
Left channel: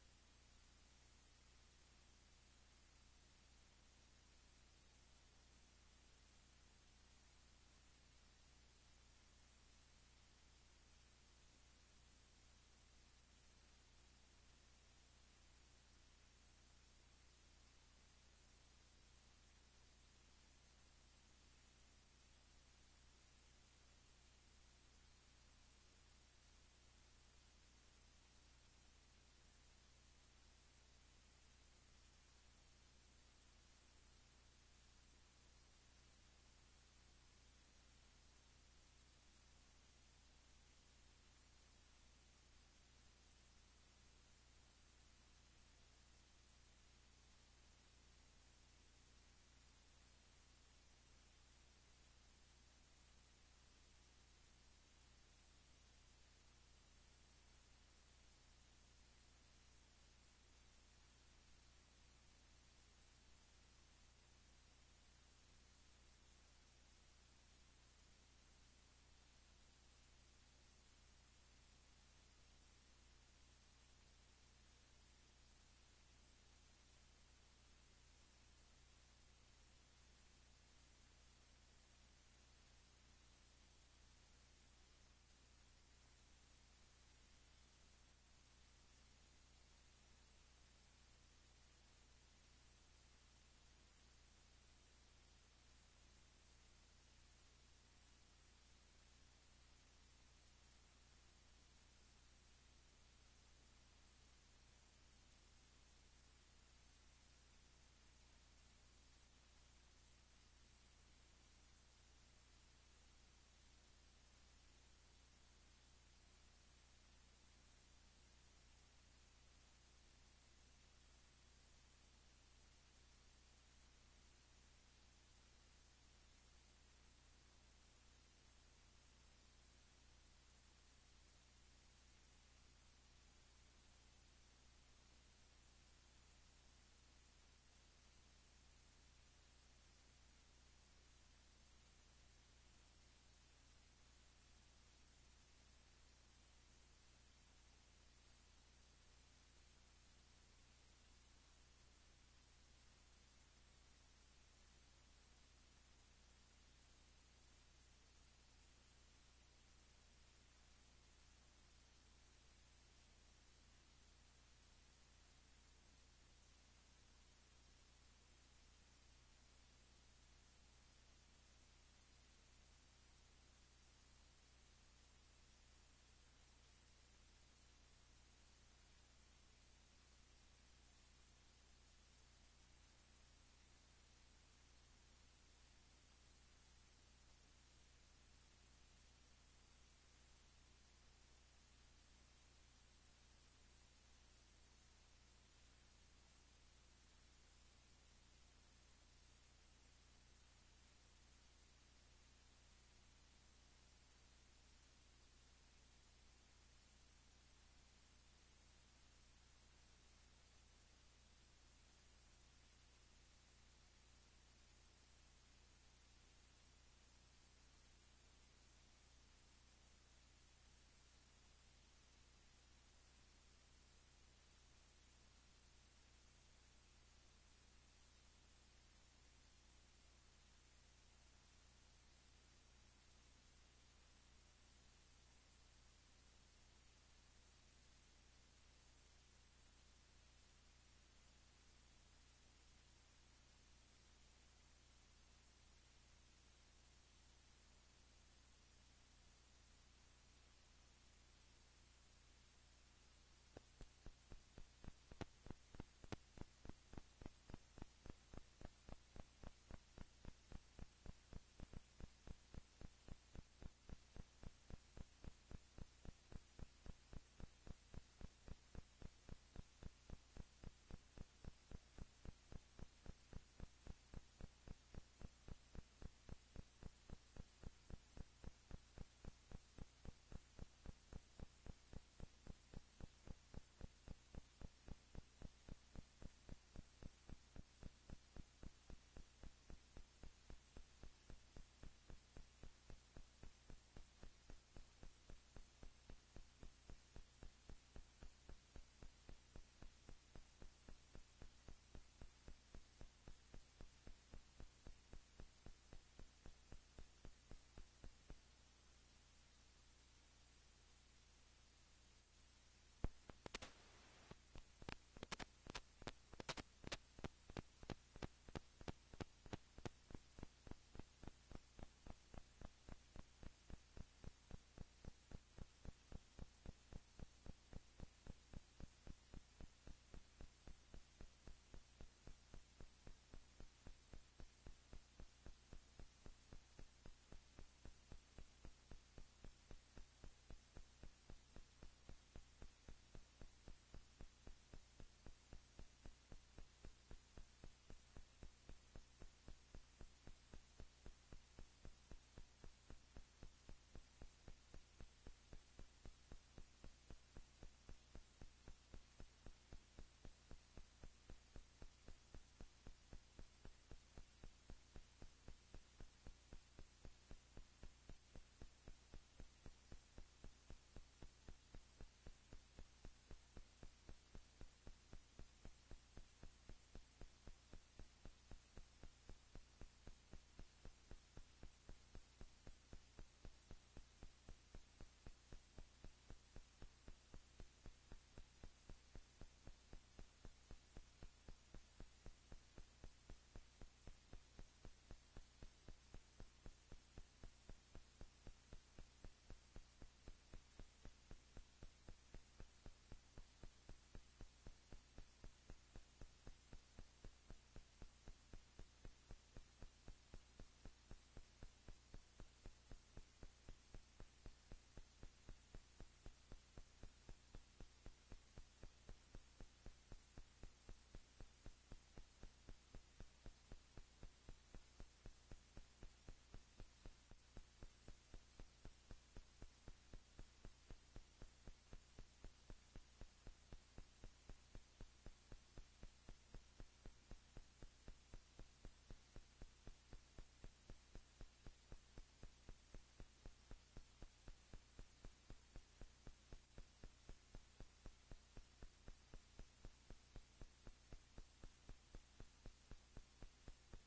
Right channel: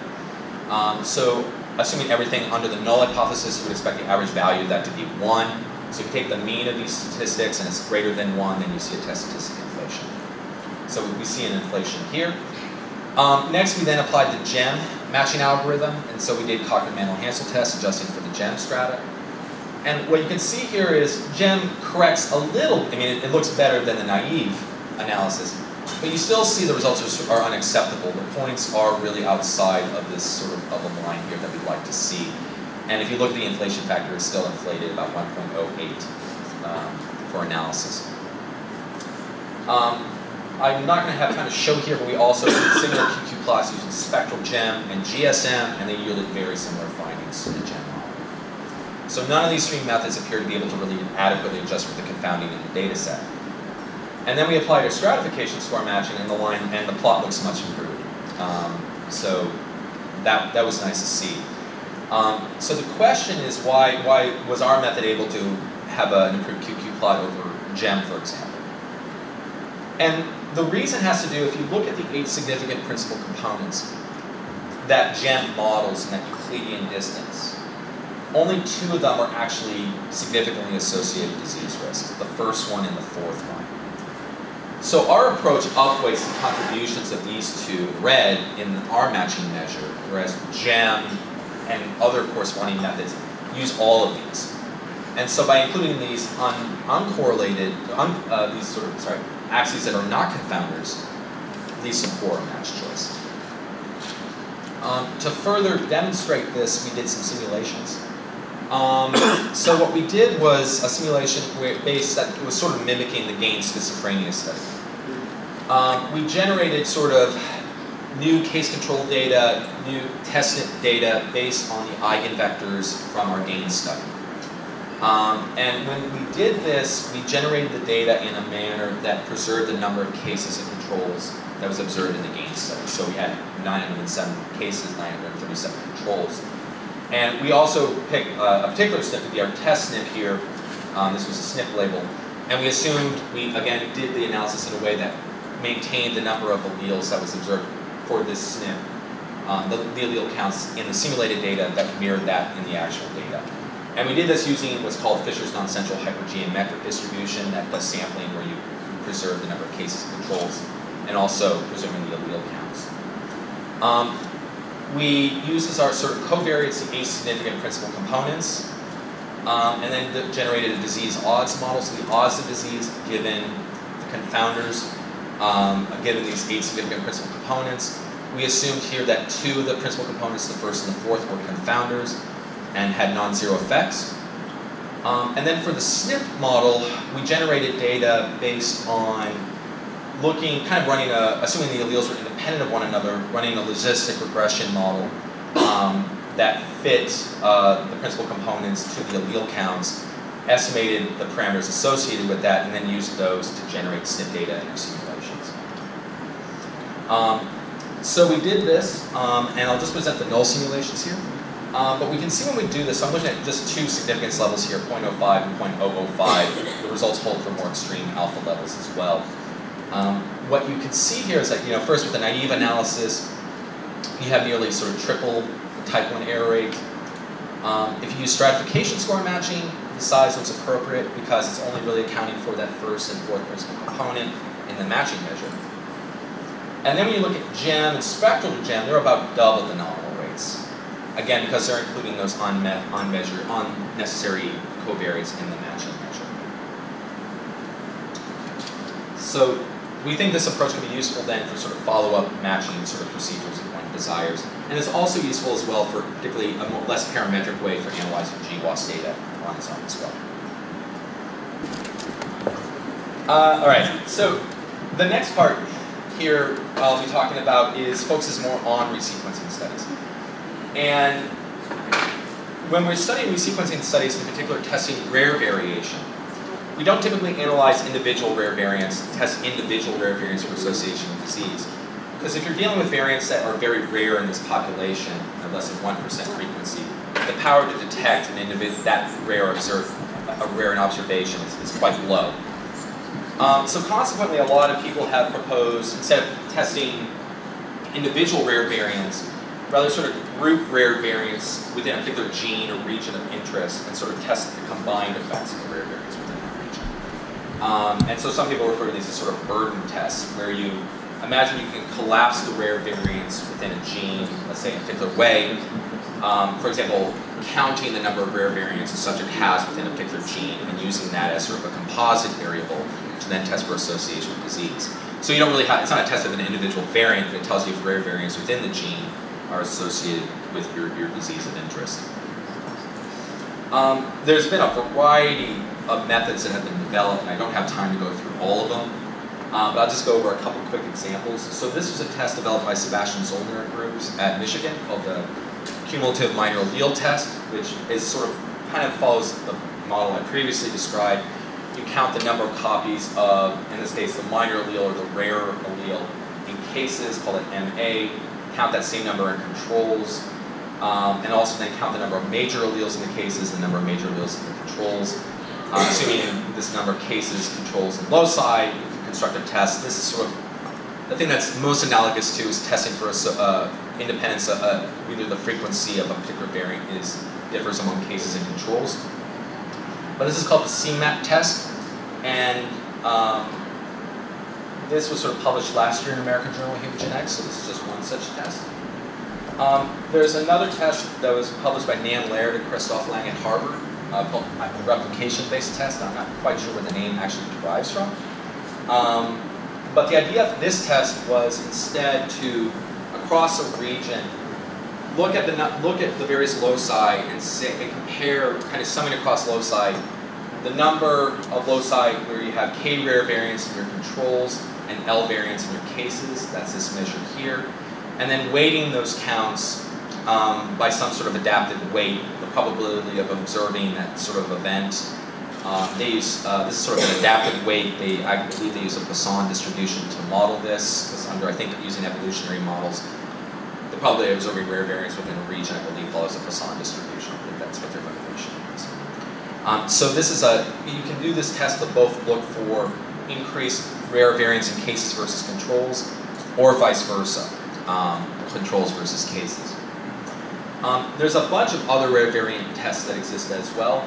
So assuming everything under the null hypothesis, you would expect the average value of that to be 1. So if you take the mean of these statistics and it's greater than 1, then you see a test statistic inflation. So we see an inflation here. Next, we then applied the GEM matching algorithm, and so we did Cocker-Mantel-Hansel test adjusting for the GEM strata. And what you can see here is GEM corrects a little, it looks better than the naive analysis, but you still see the results are unacceptable. The points are really outside of this sort of bubble line here that we'd like to see. And if you look at the inflation factor, it's still inflated about 1.08 for analysis. I'm not going to have time to show here, but we also did similar QQ plots using spectral GEM and GSM, and they yielded very similar findings to the GEM model. So none of these three methods appear to be able to really adequately adjust for the confounding in the data set. And then we applied a stratification score matching, and the plot looks much improved. So that was nice to see. So the question is, why was our method able to have an improved QQ plot over GEM, for example? And the reason has to do, if you look at the 8 significant principal components that GEM models in that Euclidean distance, only 2 of them are actually significantly associated disease risk, the first one and the fourth one. So our approach outweighs the contributions of these 2, red, in our matching measure, whereas GEM and other corresponding methods use all of these. And so by including these uncorrelated, axes that are not confounders, leads to poor match choice. To further demonstrate this, we did some simulations. So what we did was a simulation based that was sort of mimicking the gain schizophrenia study. We generated sort of new case control data, new testnet data based on the eigenvectors from our gain study. And when we did this, we generated the data in a manner that preserved the number of cases and controls that was observed in the gain study. So we had 907 cases, 937 controls. And we also picked a particular SNP to be our test SNP here. This was a SNP label. And we assumed we, again, did the analysis in a way that maintained the number of alleles that was observed for this SNP, the allele counts in the simulated data that mirrored that in the actual data. And we did this using what's called Fisher's non-central hypergeometric distribution that does sampling where you preserve the number of cases and controls and also preserving the allele counts. We use as our sort of covariates the asignificant principal components and then generated a disease odds model. So the odds of disease given the confounders, given these 8 significant principal components. We assumed here that 2 of the principal components, the first and the fourth, were confounders and had non-zero effects. And then for the SNP model, we generated data based on looking, kind of running assuming the alleles were independent of one another, running a logistic regression model that fit the principal components to the allele counts, estimated the parameters associated with that, and then used those to generate SNP data in our simulations. So we did this, and I'll just present the null simulations here. But we can see when we do this, I'm looking at just 2 significance levels here, 0.05 and 0.005. The results hold for more extreme alpha levels as well. What you can see here is that, first with the naive analysis, you have nearly sort of triple the type 1 error rate. If you use stratification score matching, the size looks appropriate because it's only really accounting for that first and fourth principal component in the matching measure. And then when you look at GEM and spectral to GEM, they're about double the nominal rates. Again, because they're including those unnecessary covariates in the matching measure. So we think this approach can be useful then for sort of follow-up matching sort of procedures if one desires. And it's also useful as well for particularly a less parametric way for analyzing GWAS data on its own as well. All right, so the next part here I'll be talking about focuses more on resequencing studies. And when we're studying resequencing studies, in particular testing rare variation, we don't typically analyze individual rare variants, test individual rare variants for association with disease. Because if you're dealing with variants that are very rare in this population, at less than 1% frequency, the power to detect an individual that rare in observation is quite low. So consequently, a lot of people have proposed, instead of testing individual rare variants, rather sort of group rare variants within a particular gene or region of interest and sort of test the combined effects of the rare variants within that region. And so some people refer to these as sort of burden tests, where you imagine you can collapse the rare variants within a gene, let's say in a particular way. For example, counting the number of rare variants a subject has within a particular gene and using that as sort of a composite variable to then test for association with disease. So you don't really have, it's not a test of an individual variant, but it tells you if rare variants within the gene are associated with your disease of interest. There's been a variety of methods that have been developed, and I don't have time to go through all of them, but I'll just go over a couple quick examples. So this was a test developed by Sebastian Zollner groups at Michigan called the cumulative minor allele test, which is sort of kind of follows the model I previously described. You count the number of copies of, in this case, the minor allele or the rare allele in cases, call it MA, count that same number in controls, and also then count the number of major alleles in the cases, the number of major alleles in the controls. Assuming this number of cases, controls, and loci, you can construct a test. This is sort of the thing that's most analogous to is testing for independence, either the frequency of a particular variant differs among cases and controls. But this is called the CMAT test, and this was sort of published last year in American Journal of Human Genetics, so this is just one such test. There's another test that was published by Nan Laird and Christoph Lang at Harvard called a replication-based test. I'm not quite sure where the name actually derives from. But the idea of this test was instead to, across a region, look at the various loci and compare, kind of summing across loci, the number of loci where you have K rare variance in your controls and L variance in your cases. That's this measure here. And then weighting those counts by some sort of adaptive weight, the probability of observing that sort of event. They use this is sort of an adaptive weight. I believe they use a Poisson distribution to model this, because under, I think, using evolutionary models, the probability of observing rare variance within a region, I believe, follows a Poisson distribution. I believe that's what their motivation is. So this is you can do this test to both look for increased rare variance in cases versus controls, or vice versa, controls versus cases. There's a bunch of other rare variant tests that exist as well.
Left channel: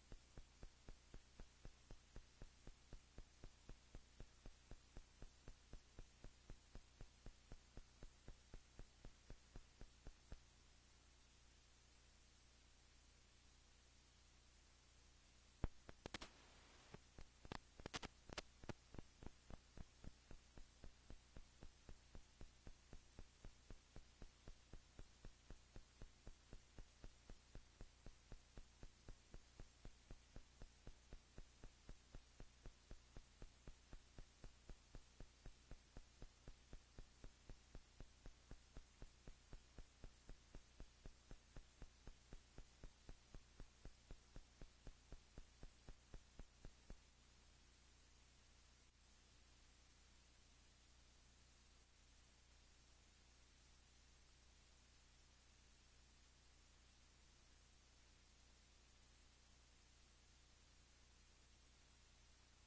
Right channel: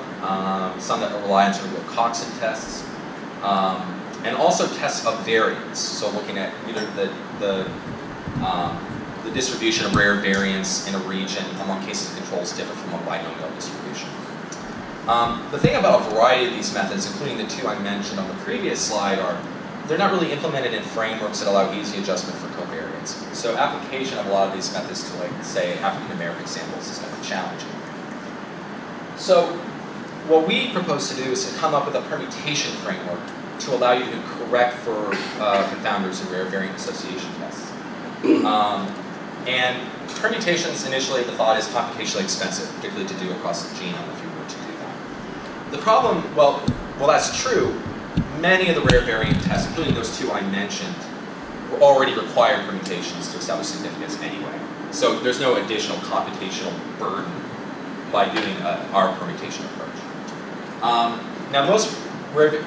Some that rely on sort of Coxon tests, and also tests of variance. So looking at either the distribution of rare variance in a region among cases and controls differ from a binomial distribution. The thing about a variety of these methods, including the two I mentioned on the previous slide, are they're not really implemented in frameworks that allow easy adjustment for covariance. So application of a lot of these methods to, like, say, African American samples is kind of challenging. So what we propose to do is to come up with a permutation framework to allow you to correct for confounders and rare variant association tests. And permutations, initially, the thought is computationally expensive, particularly to do across the genome if you were to do that. The problem, well, that's true. Many of the rare variant tests, including those two I mentioned, already required permutations to establish significance anyway. So there's no additional computational burden by doing our permutation approach. Now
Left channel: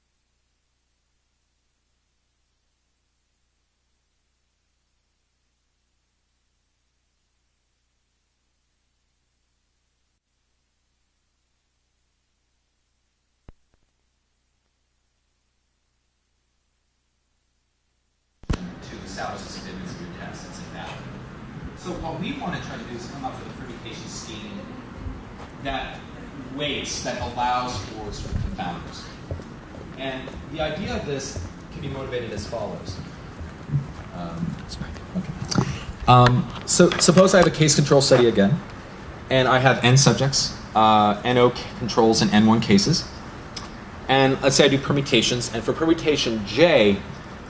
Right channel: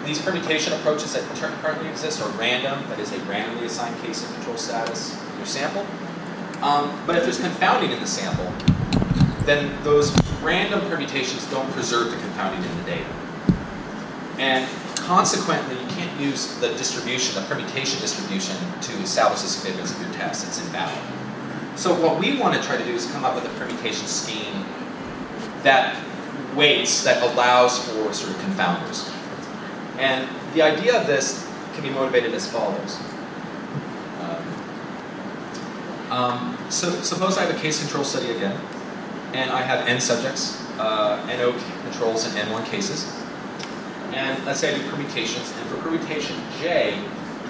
these permutation approaches that currently exist are random, that is a randomly assigned case and control status in your sample. But if there's confounding in the sample, then those random permutations don't preserve the confounding in the data. And consequently, you can't use the distribution, the permutation distribution, to establish the significance of your test. It's invalid. So what we want to try to do is come up with a permutation scheme that weights, that allows for sort of confounders. And the idea of this can be motivated as follows. So suppose I have a case control study again, and I have n subjects, NO controls, and N1 cases. And let's say I do permutations, and for permutation J,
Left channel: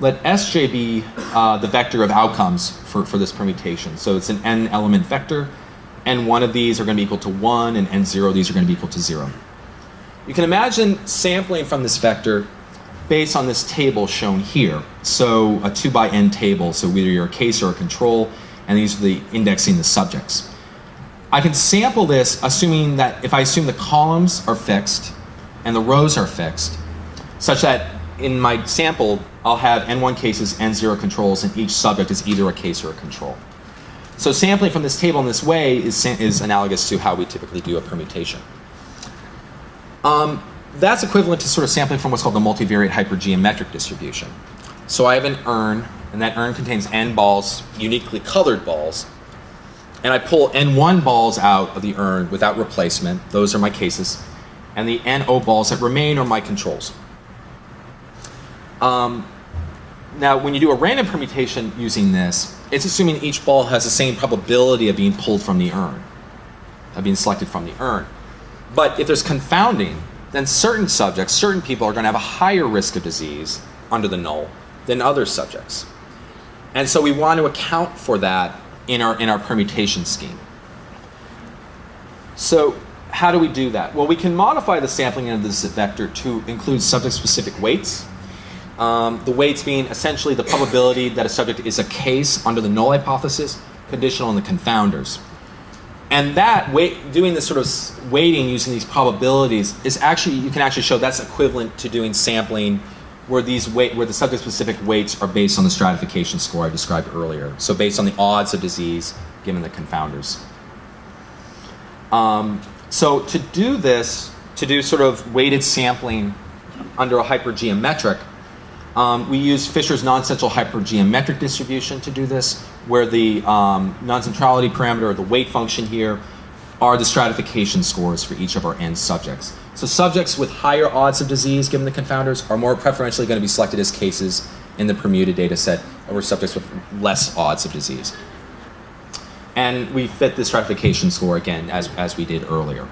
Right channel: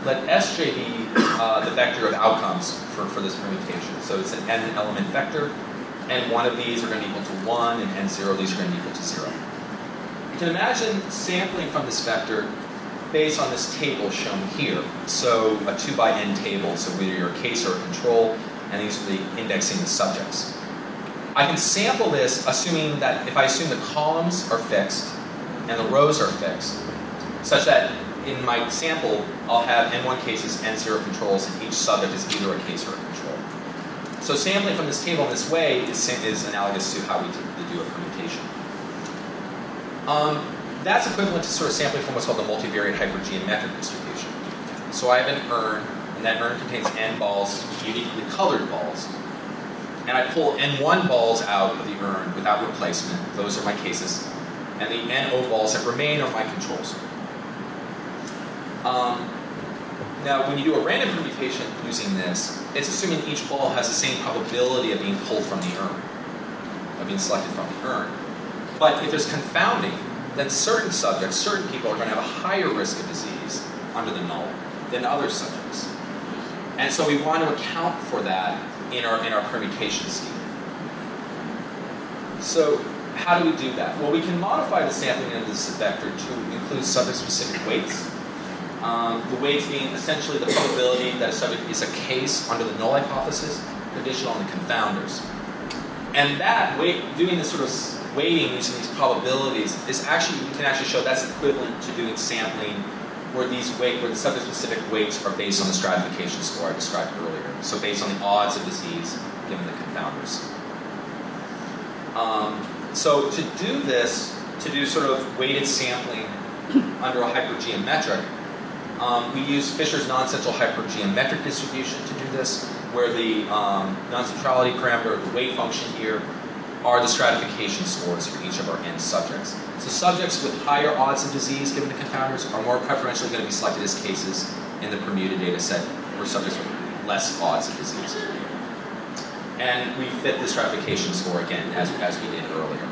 let Sj be the vector of outcomes for this permutation. So it's an n element vector, and one of these are going to be equal to 1, and n0 of these are going to be equal to 0. You can imagine sampling from this vector based on this table shown here. So a 2 by n table, so either you're a case or a control, and these are the indexing the subjects. I can sample this assuming that if I assume the columns are fixed and the rows are fixed, such that in my sample I'll have n1 cases, n0 controls, and each subject is either a case or a control. So sampling from this table in this way is analogous to how we typically do a permutation. That's equivalent to sort of sampling from what's called the multivariate hypergeometric distribution. So I have an urn, and that urn contains n balls, uniquely colored balls, and I pull n1 balls out of the urn without replacement. Those are my cases. And the NO balls that remain are my controls. Now, when you do a random permutation using this, it's assuming each ball has the same probability of being pulled from the urn, of being selected from the urn. But if there's confounding, then certain subjects, certain people are going to have a higher risk of disease under the null than other subjects. And so we want to account for that in our permutation scheme. So how do we do that? Well, we can modify the sampling of this vector to include subject-specific weights. The weights being essentially the probability that a subject is a case under the null hypothesis, conditional on the confounders. And that doing this sort of weighting using these probabilities is actually, you can actually show that's equivalent to doing sampling where the subject-specific weights are based on the stratification score I described earlier. So based on the odds of disease given the confounders. So to do this, to do sort of weighted sampling under a hypergeometric, we use Fisher's non-central hypergeometric distribution to do this, where the non-centrality parameter, or the weight function here, are the stratification scores for each of our N subjects. So subjects with higher odds of disease, given the confounders, are more preferentially going to be selected as cases in the permuted data set over subjects with less odds of disease. And we fit the stratification score again, as we did earlier.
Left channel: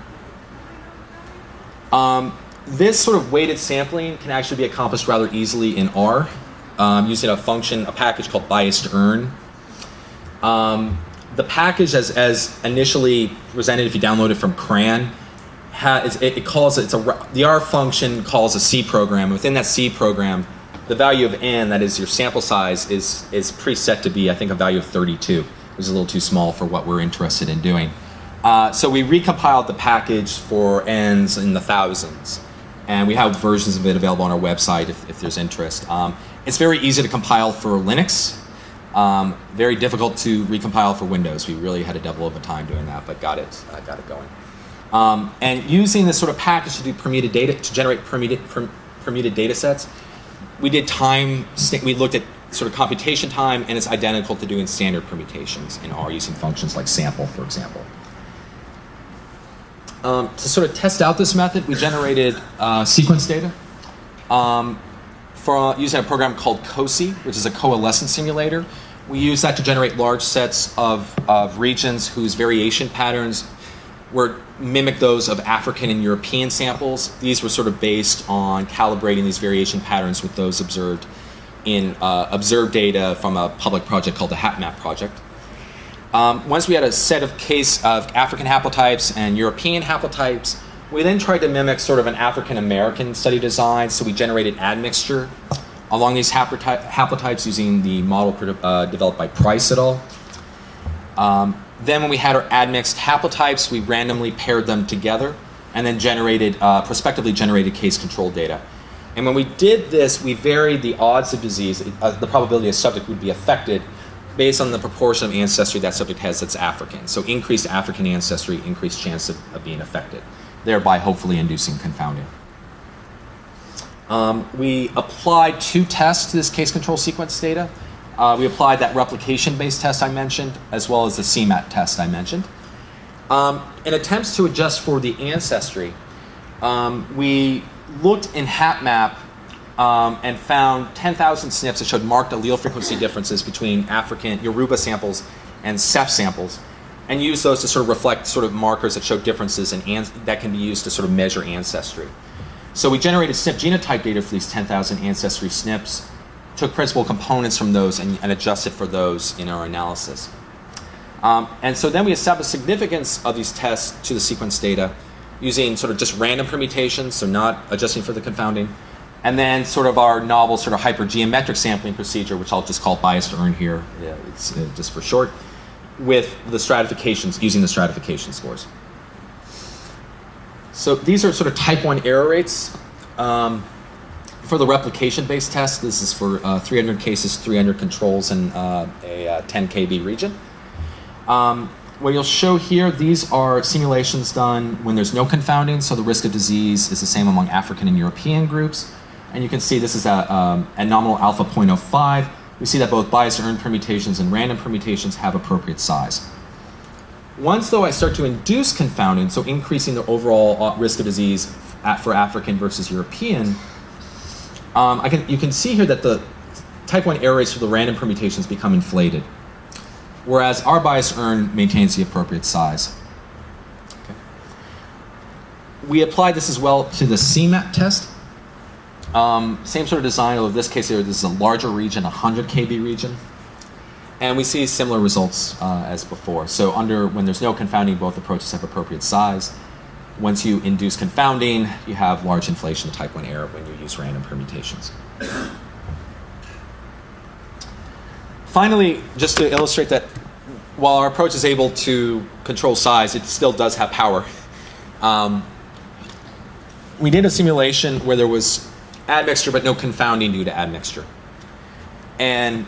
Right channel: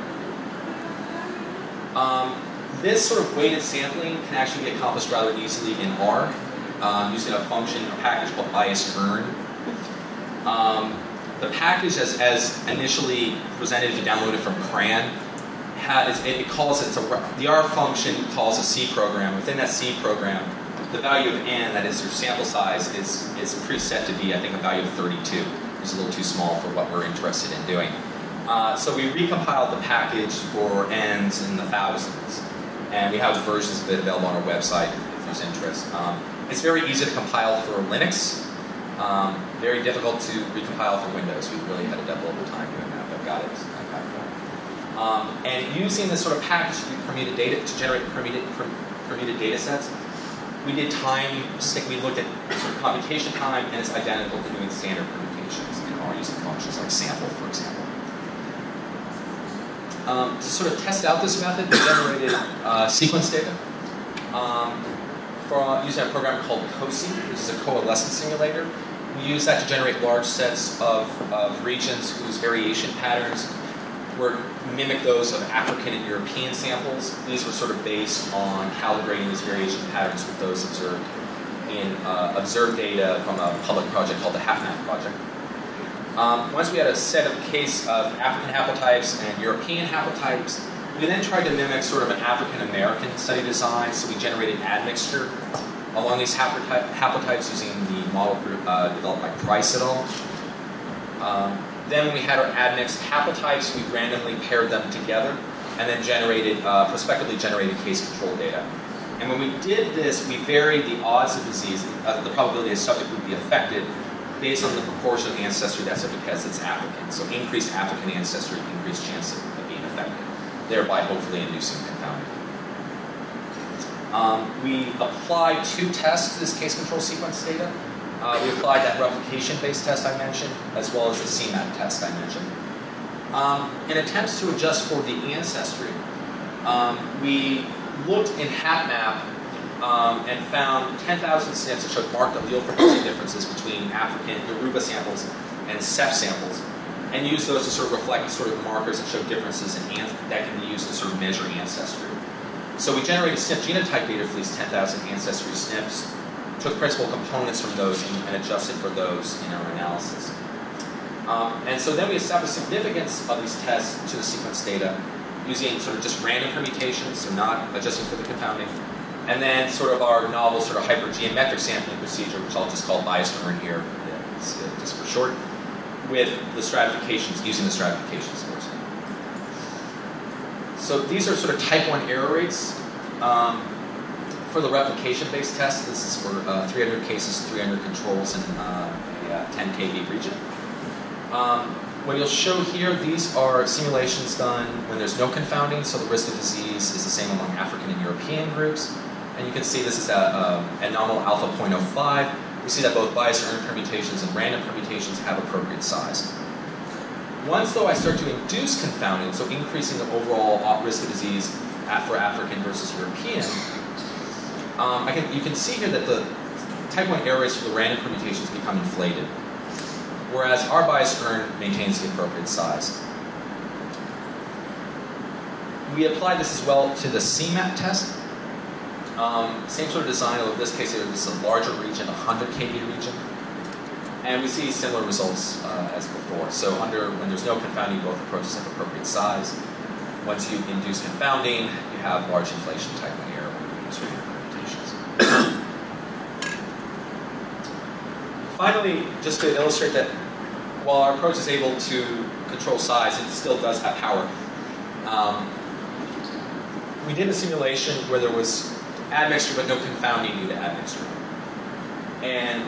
This sort of weighted sampling can actually be accomplished rather easily in R, using a package called Biased-Urn. The package, as initially presented, if you download it from CRAN, the R function calls a C program. Within that C program, the value of N, that is your sample size, is preset to be, I think, a value of 32, which is a little too small for what we're interested in doing. So we recompiled the package for N's in the thousands. And we have versions of it available on our website if there's interest. It's very easy to compile for Linux. Very difficult to recompile for Windows. We really had to double over time doing that, but got it going. And using this sort of package to do permuted data, to generate permuted data sets, we did we looked at sort of computation time, and it's identical to doing standard permutations in R using functions like sample, for example. To sort of test out this method, we generated sequence data using a program called COSI, which is a coalescence simulator. We use that to generate large sets of regions whose variation patterns mimic those of African and European samples. These were sort of based on calibrating these variation patterns with those observed in observed data from a public project called the HapMap project. Once we had a set of African haplotypes and European haplotypes, we then tried to mimic sort of an African-American study design, so we generated admixture along these haplotypes using the model developed by Price et al. Then when we had our admixed haplotypes, we randomly paired them together and then prospectively generated case-control data. And when we did this, we varied the odds of disease, the probability a subject would be affected, based on the proportion of ancestry that subject has that's African. So increased African ancestry, increased chance of being affected, thereby hopefully inducing confounding. We applied 2 tests to this case control sequence data. We applied that replication-based test I mentioned, as well as the CMAT test I mentioned. In attempts to adjust for the ancestry, we looked in HapMap and found 10,000 SNPs that showed marked allele frequency differences between African Yoruba samples and Seth samples, and used those to sort of reflect sort of markers that show differences that can be used to sort of measure ancestry. So we generated SNP genotype data for these 10,000 ancestry SNPs, took principal components from those and adjusted for those in our analysis. And so then we established significance of these tests to the sequence data using sort of just random permutations, so not adjusting for the confounding, and then sort of our novel sort of hypergeometric sampling procedure, which I'll just call Biased-Urn here, it's just for short, with the stratifications, using the stratification scores. So these are sort of type 1 error rates. For the replication-based test, this is for 300 cases, 300 controls in a 10 kb region. What you'll show here, these are simulations done when there's no confounding, so the risk of disease is the same among African and European groups. And you can see this is at nominal alpha 0.05. We see that both Biased-Urn permutations and random permutations have appropriate size. Once, though, I start to induce confounding, so increasing the overall risk of disease for African versus European, you can see here that the type 1 error rates for the random permutations become inflated, whereas our Biased-Urn maintains the appropriate size. We applied this as well to the CMAT test. Same sort of design, although in this case here, this is a larger region, 100 kb region. And we see similar results as before. So when there's no confounding, both approaches have appropriate size. Once you induce confounding, you have large inflation type 1 error when you use random permutations. Finally, just to illustrate that while our approach is able to control size, it still does have power. We did a simulation where there was admixture but no confounding due to admixture. And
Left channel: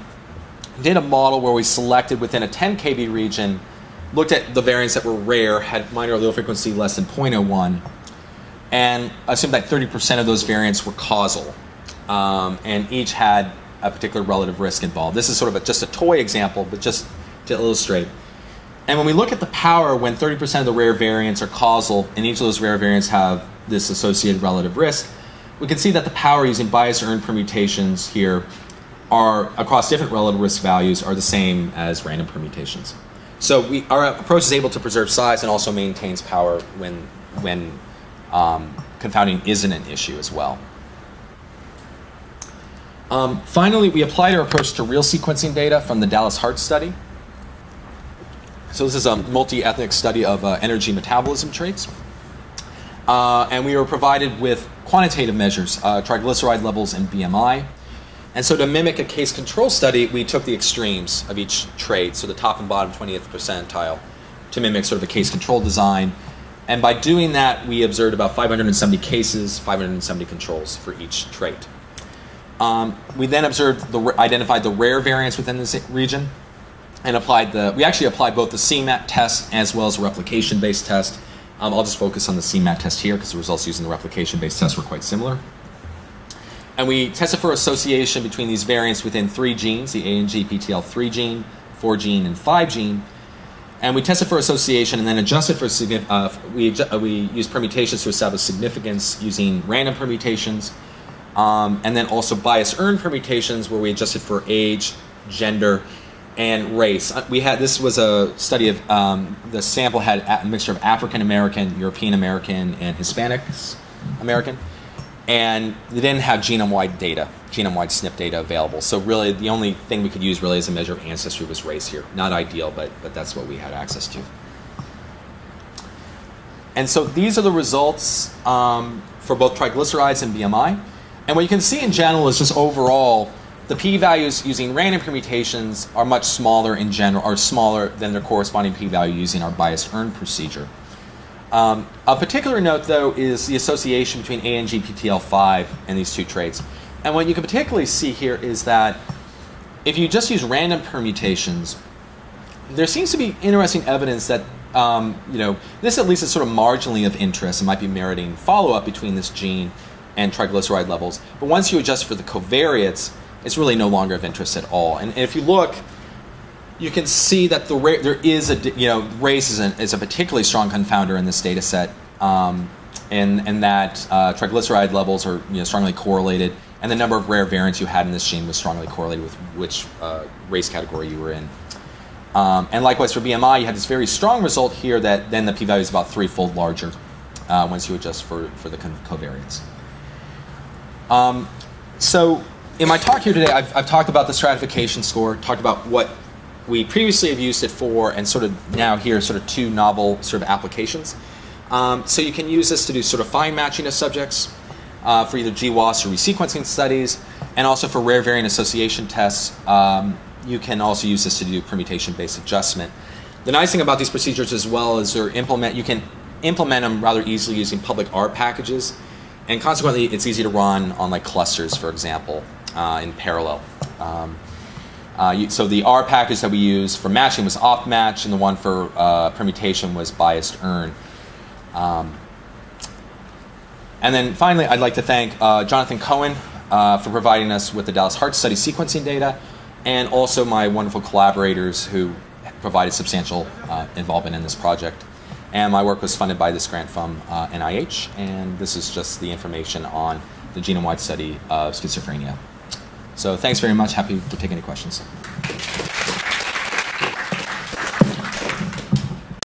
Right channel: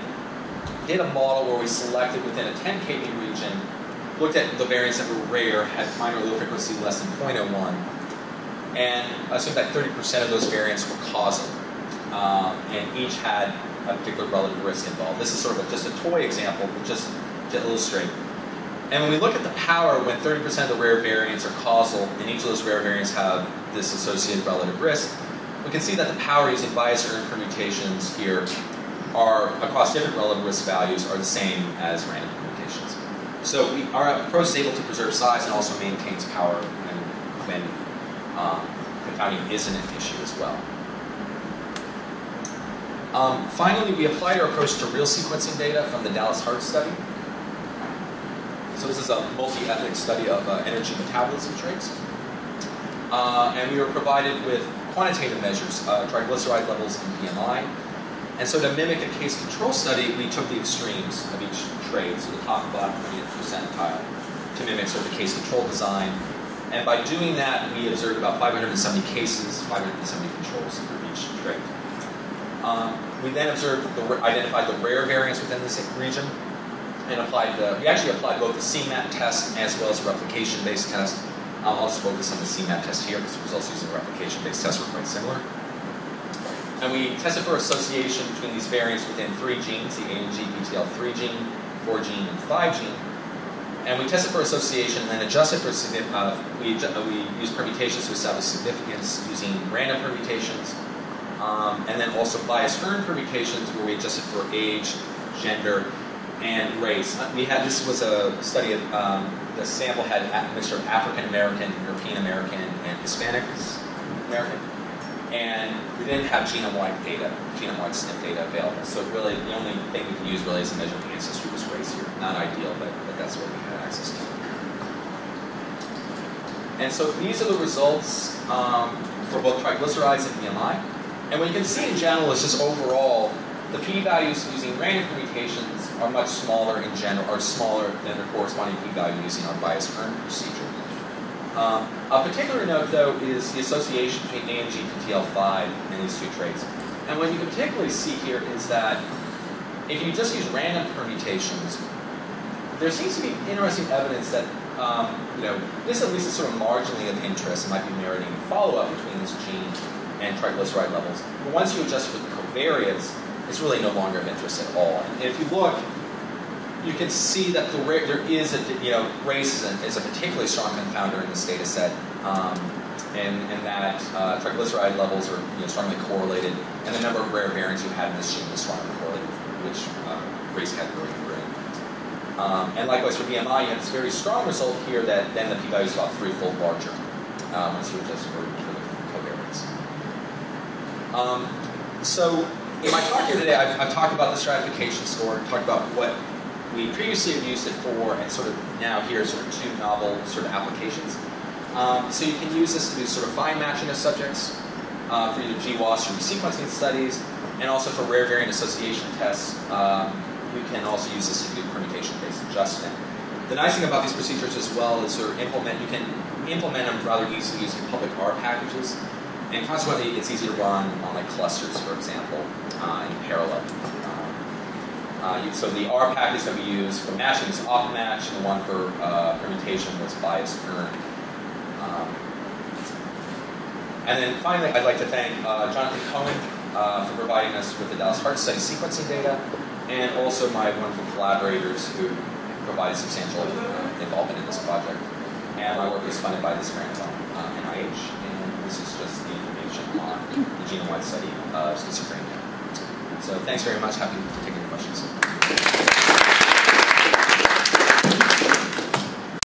did a model where we selected within a 10 kb region, looked at the variants that were rare, had minor allele frequency less than 0.01, and assumed that 30% of those variants were causal, and each had a particular relative risk involved. This is sort of just a toy example, but just to illustrate. And when we look at the power when 30% of the rare variants are causal, and each of those rare variants have this associated relative risk, we can see that the power using bias-urn permutations here are, across different relative risk values, are the same as random permutations. So our approach is able to preserve size and also maintains power when confounding isn't an issue as well. Finally, we applied our approach to real sequencing data from the Dallas Heart study. So this is a multi-ethnic study of energy metabolism traits. And we were provided with quantitative measures, triglyceride levels and BMI. And so to mimic a case control study, we took the extremes of each trait, so the top and bottom 20th percentile, to mimic sort of a case control design. And by doing that, we observed about 570 cases, 570 controls for each trait. We then identified the rare variants within this region, and we actually applied both the CMAT test as well as a replication-based test. I'll just focus on the CMAT test here because the results using the replication-based test were quite similar. And we tested for association between these variants within 3 genes, the ANGPTL3 gene, 4 gene, and 5 gene. And we tested for association and then adjusted for, we used permutations to establish significance using random permutations, and then also bias-urn permutations where we adjusted for age, gender, and race. This was a study of, the sample had a mixture of African American, European American, and Hispanic American. And they didn't have genome-wide data, genome-wide SNP data available. So really, the only thing we could use really as a measure of ancestry was race here. Not ideal, but that's what we had access to. And so these are the results for both triglycerides and BMI. And what you can see in general is just overall, the p-values using random permutations are much smaller in general, are smaller than their corresponding p-value using our bias-urn procedure. A particular note, though, is the association between ANGPTL5 and these two traits. And what you can particularly see here is that if you just use random permutations, there seems to be interesting evidence that this at least is sort of marginally of interest and might be meriting follow-up between this gene and triglyceride levels. But once you adjust for the covariates, it's really no longer of interest at all. And if you look, you can see that there is race is a particularly strong confounder in this data set, and that triglyceride levels are strongly correlated, and the number of rare variants you had in this gene was strongly correlated with which race category you were in. And likewise for BMI, you had this very strong result here that then the p-value is about 3-fold larger once you adjust for the covariates. So in my talk here today, I've talked about the stratification score, talked about what we previously have used it for, and sort of now here sort of 2 novel sort of applications. So you can use this to do sort of fine matching of subjects for either GWAS or resequencing studies, and also for rare variant association tests. You can also use this to do permutation-based adjustment. The nice thing about these procedures as well is you can implement them rather easily using public R packages, and consequently it's easy to run on like clusters, for example, in parallel. So the R package that we used for matching was off-match, and the one for permutation was biased-urn. And then finally, I'd like to thank Jonathan Cohen for providing us with the Dallas Heart Study sequencing data, and also my wonderful collaborators who provided substantial involvement in this project. And my work was funded by this grant from NIH, and this is just the information on the genome-wide study of schizophrenia. So thanks very much. Happy to take any questions.